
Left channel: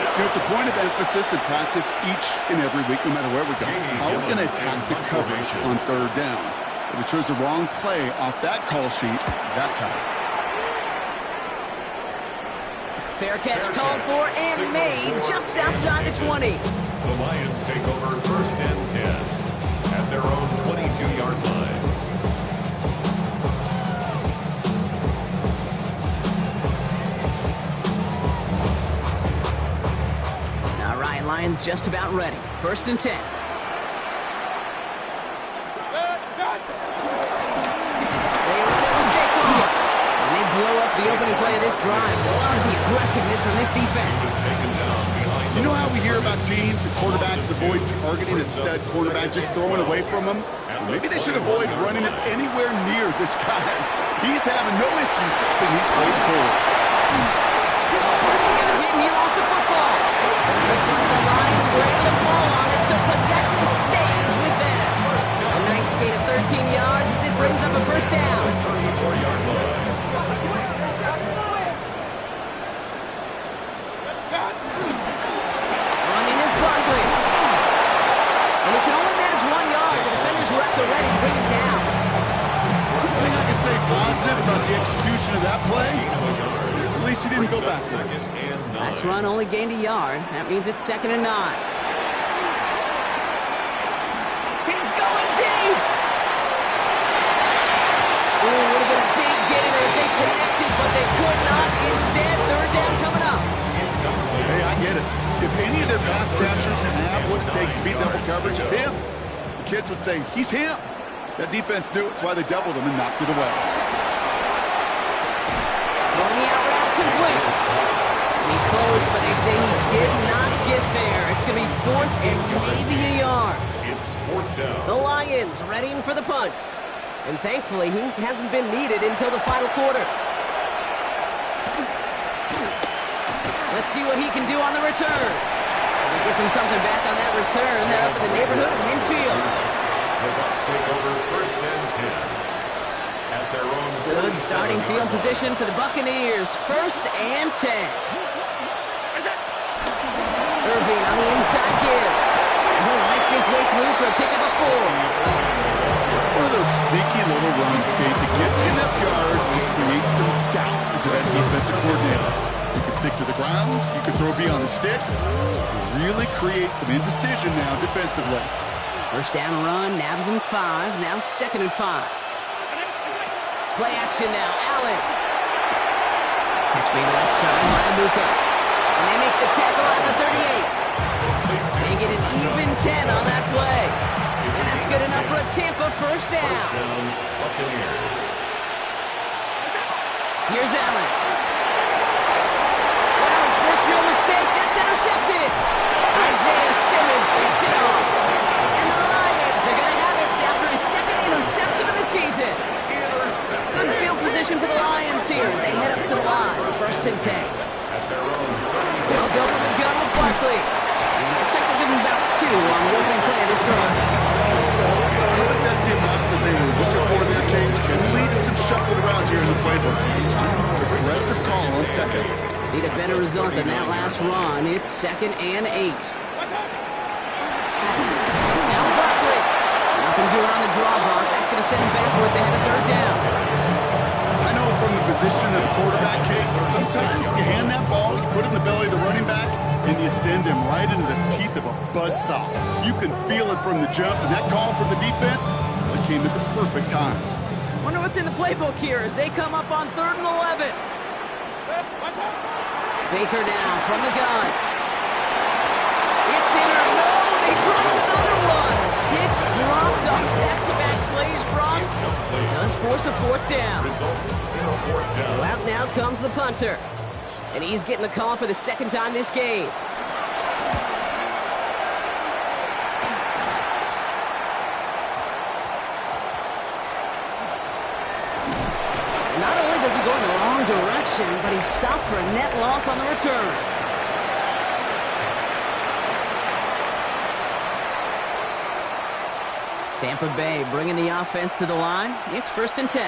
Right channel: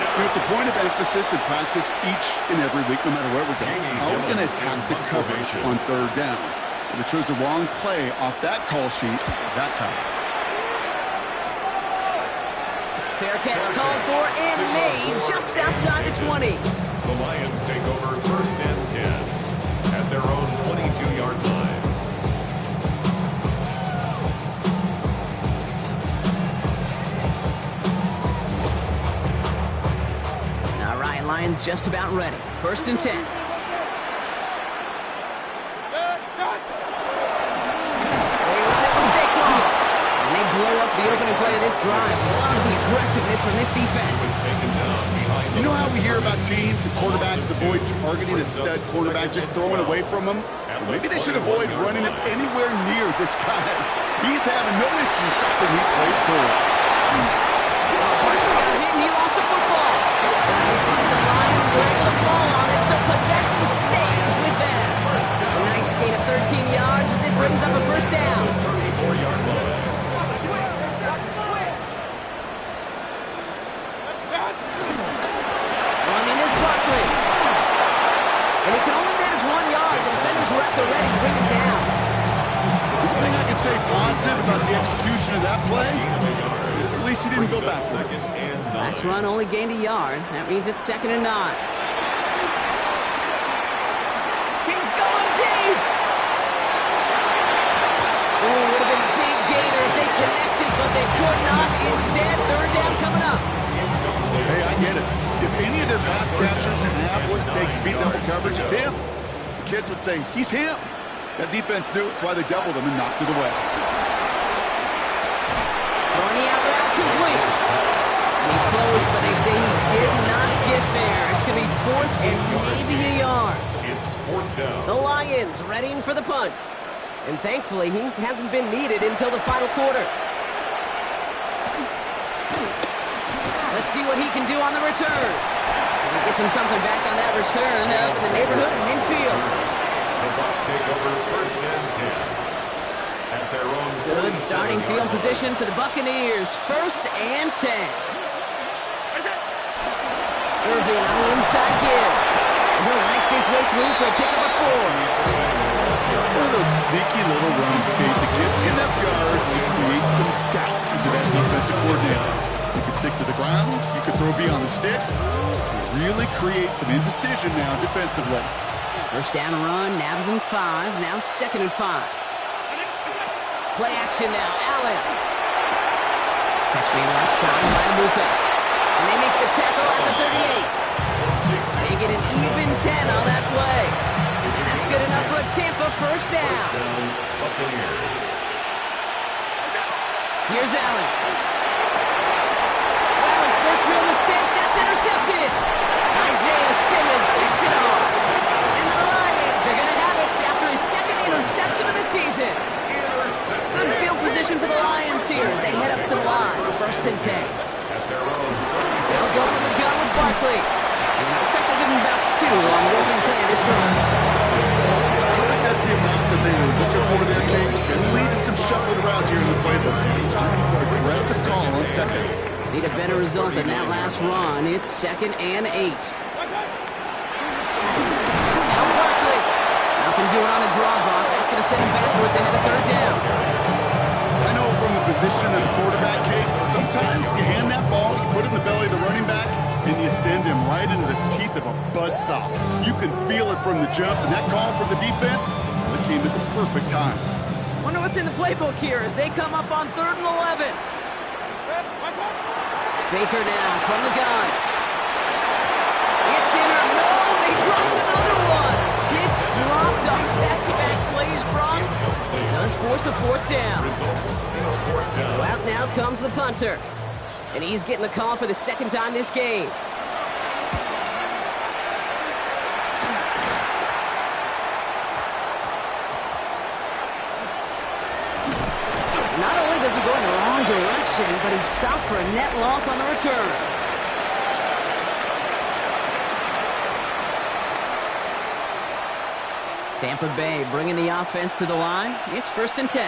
You know, it's a point of emphasis in practice each and every week, no matter where we go. How are we going to attack the coverage on 3rd down? But they chose the wrong play off that call sheet that time. Fair catch called for and made just outside the 20. The Lions take over 1st and 10 at their own 22-yard line. All right, Lions just about ready. 1st and 10. They run it with Saquon. And they blow up the opening play of this drive. Love the aggressiveness from this defense. Taken down behind You know how we hear about teams and quarterbacks avoid targeting a stud quarterback, just throwing away from him? Well, maybe they should avoid running it anywhere near this guy. He's having no issue stopping these plays forward. Barkley got hit and he lost the football. Looked like the Lions were able to fall on it, so possession stays with them. A nice gain of 13 yards as it brings up a 1st down. 34-yard line. Running is Barkley. And he can only manage 1 yard. The defenders were at the ready to bring him down. One thing I can say positive about the execution of that play is at least he didn't go backwards. Last run only gained a yard. That means it's 2nd and 9. He's going deep. Ooh, would have been a big gainer if they connected, but they could not. Instead, 3rd down coming up. Hey, I get it. If any of their pass catchers have what it takes to beat double coverage, it's him. The kids would say, he's him. That defense knew it. It's why they doubled him and knocked it away. Throwing the out route complete. And he's close, but they say he did not get there. It's going to be 4th and maybe a yard. It's 4th down. The Lions readying for the punt. And thankfully, he hasn't been needed until the final quarter. Let's see what he can do on the return. If he gets him something back on that return, they're up in the neighborhood of midfield. The Bucs take over 1st and 10 at their own. Good starting field position for the Buccaneers. 1st and 10. Irving on the inside give. And he'll make his way through for a pickup of 4. It's one of those sneaky little runs, Kate, that gets you enough yards to create some doubt into that defensive coordinator. You could stick to the ground. You could throw beyond the sticks. You really create some indecision now defensively. 1st down run, nabs him 5. Now 2nd and 5. Play action now, Allen. Catch me left side by Abuka. And they make the tackle at the 38. They get an even 10 on that play. And that's good enough for a Tampa 1st down. 1st down, Buccaneers. Here's Allen. Well, his first real mistake. That's intercepted. Isaiah Simmons picks it off. And the Lions are going to have it after his 2nd interception of the season. head up to the line. 1st and 10. At their own 36. They'll go from the gun with Barkley. Looks like they're getting about 2 on the opening play of this drive. I think that's the amount that they were looking for there, King. And lead to some shuffling around here in the playbook. Aggressive call on 2nd. Need a better result than that last run. It's 2nd and 8. Now Barkley. Nothing doing on the draw, Brock. That's going to send him backwards ahead of 3rd down. I know from the position of the quarterback, Kate, sometimes you hand that ball, you put it in the belly of the running back, and you send him right into the teeth of a buzzsaw. You can feel it from the jump, and that call from the defense, well, it came at the perfect time. Wonder what's in the playbook here as they come up on 3rd and 11. Baker now from the gun. It's in or no, they dropped another one. Pitch dropped on back-to-back plays, Brock. Does force a 4th down. Results in a 4th down. So out now comes the punter. And he's getting the call for the 2nd time this game. Not only does he go in the wrong direction, but he's stopped for a net loss on the return. Tampa Bay bringing the offense to the line. It's 1st and 10.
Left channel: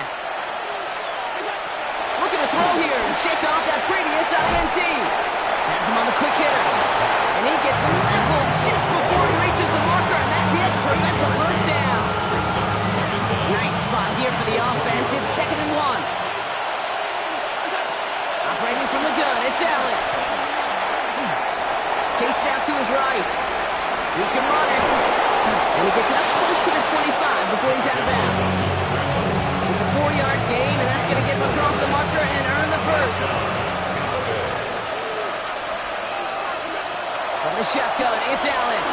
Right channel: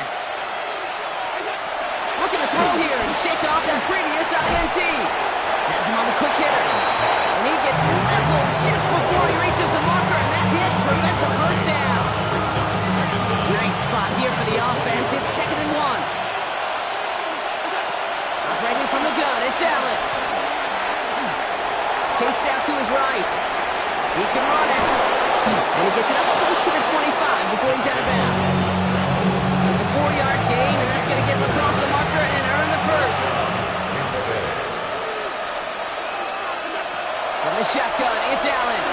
Looking to throw here and shake off that previous INT. Has him on the quick hitter. And he gets leveled just before he reaches the marker, and that hit prevents a 1st down. Nice spot here for the offense. It's 2nd and 1. Operating from the gun, it's Allen. Chased out to his right. He can run it. And he gets it up close to the 25 before he's out of bounds. It's a 4-yard gain, and that's going to get him across the marker and earn the 1st. From the shotgun, it's Allen.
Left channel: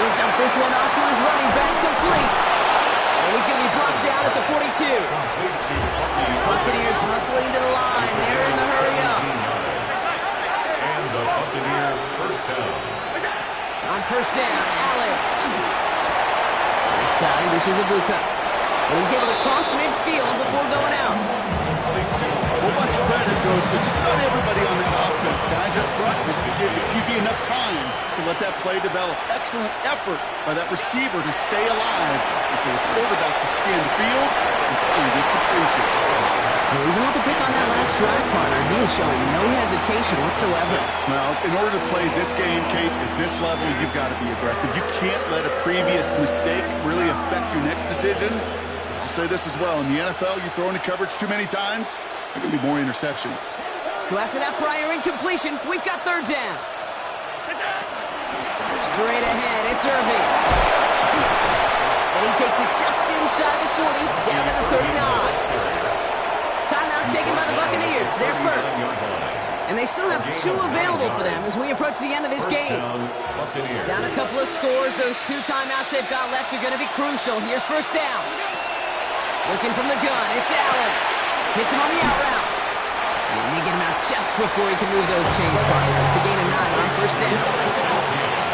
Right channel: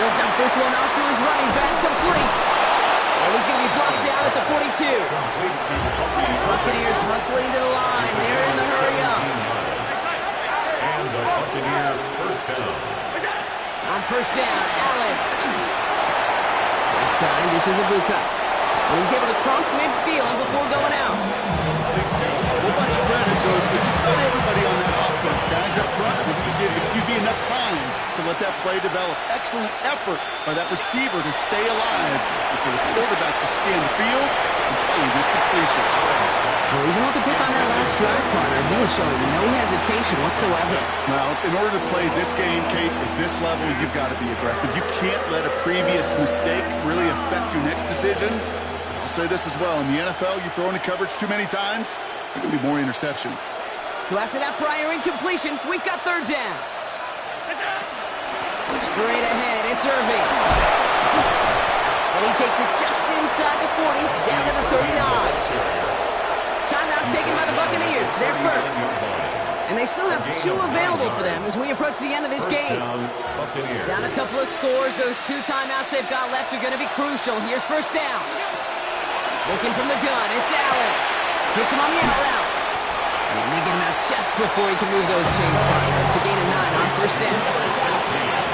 He'll dump this one off to his running back, complete. And he's going to be brought down at the 42. Buccaneers hustling to the line. They're in the hurry up. And the Buccaneer 1st down. On 1st down, Allen. Right side, this is Ibuka. And he's able to cross midfield before going out. A whole bunch of credit goes to just about everybody on that offense. Guys up front, they didn't give the QB enough time to let that play develop. Excellent effort by that receiver to stay alive and for the quarterback to scan the field and find his completion. Well, even with the pick on that last drive, partner, he was showing no hesitation whatsoever. Well, in order to play this game, Kate, at this level, you've got to be aggressive. You can't let a previous mistake really affect your next decision. I'll say this as well. In the NFL, you throw into coverage too many times, there are going to be more interceptions. So after that prior incompletion, we've got 3rd down. Straight ahead, it's Irving. And he takes it just inside the 40, down to the 39. Timeout taken by the Buccaneers. They're 1st. And they still have 2 available for them as we approach the end of this game. Down a couple of scores. Those 2 timeouts they've got left are going to be crucial. Here's 1st down. Looking from the gun, it's Allen. Hits him on the out route. And they get him out just before he can move those chains, partner. It's a gain of 9 on 1st down.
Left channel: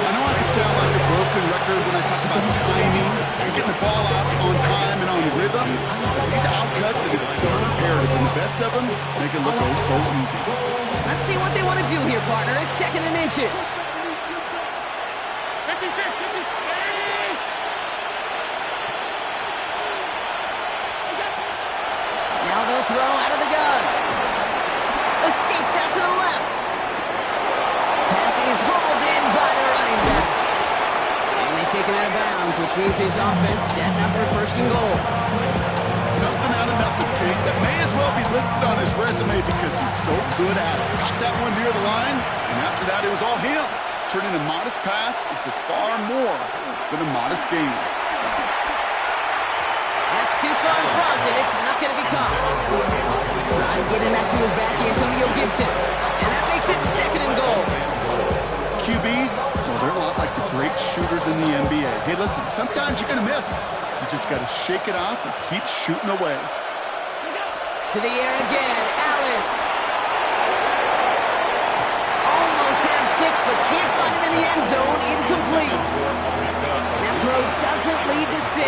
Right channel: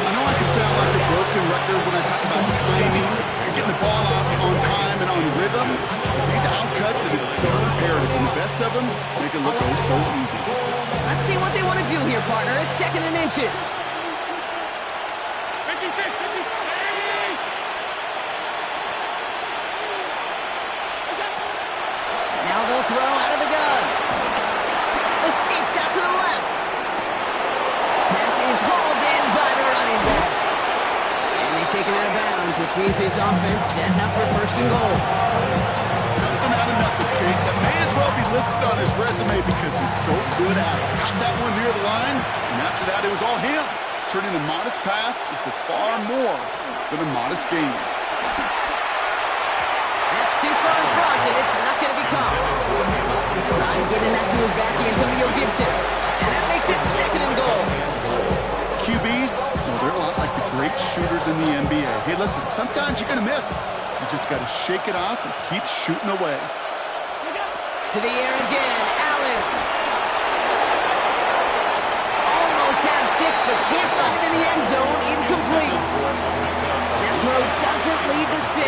I know I can sound like a broken record when I talk about timing and getting the ball out on time and on rhythm. These outcuts, it is so imperative. And the best of them make it look oh so easy. Let's see what they want to do here, partner. It's 2nd and inches. 56, 50, 80. Now they'll throw out of the gun. Escapes out to the left. Pass is hauled in by the running back. And they take him out of bounds, which means his offense setting up for 1st and goal. Something out of nothing, Kate, that may as well be listed on his resume because he's so good at it. Caught that one near the line, and after that it was all him, turning a modest pass into far more than a modest gain. That's too far in front, and it's not going to be caught. Trying getting that to his back, Antonio Gibson. And that makes it 2nd and goal. QBs, well, they're a lot like the great shooters in the NBA. Hey, listen, sometimes you're going to miss. You just got to shake it off and keep shooting away. To the air again, Allen. Almost had 6, but can't find him in the end zone. Incomplete. That throw doesn't lead to 6.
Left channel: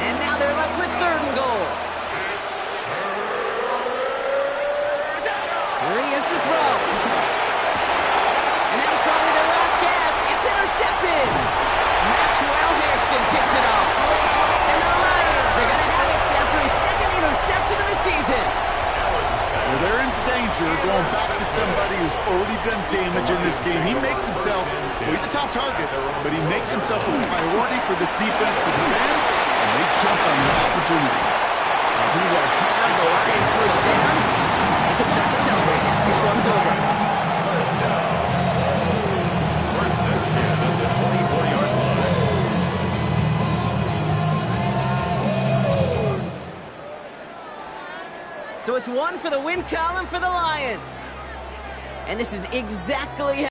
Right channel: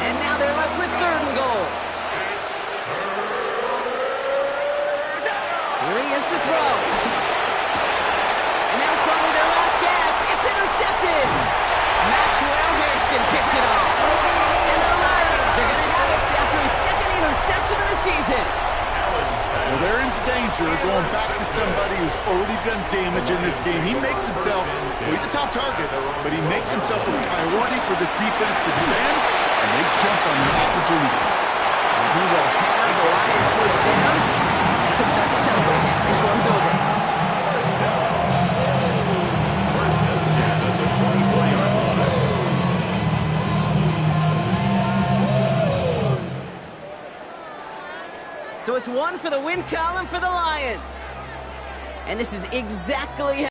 And now they're left with 3rd and goal. Here he is to throw. And that was probably their last gasp. It's intercepted. Maxwell Hairston picks it off. And the Lions are going to have it after his second interception of the season. Well, they're in danger going back to somebody who's already done damage in this game. He makes himself, well, he's a top target, but he makes himself a priority for this defense to defend, and they jump on the opportunity. And he will have the Lions first down. They can start to celebrate now. This one's over. First down. First and 10 at the 24-yard line. So it's one for the win column for the Lions. And this is exactly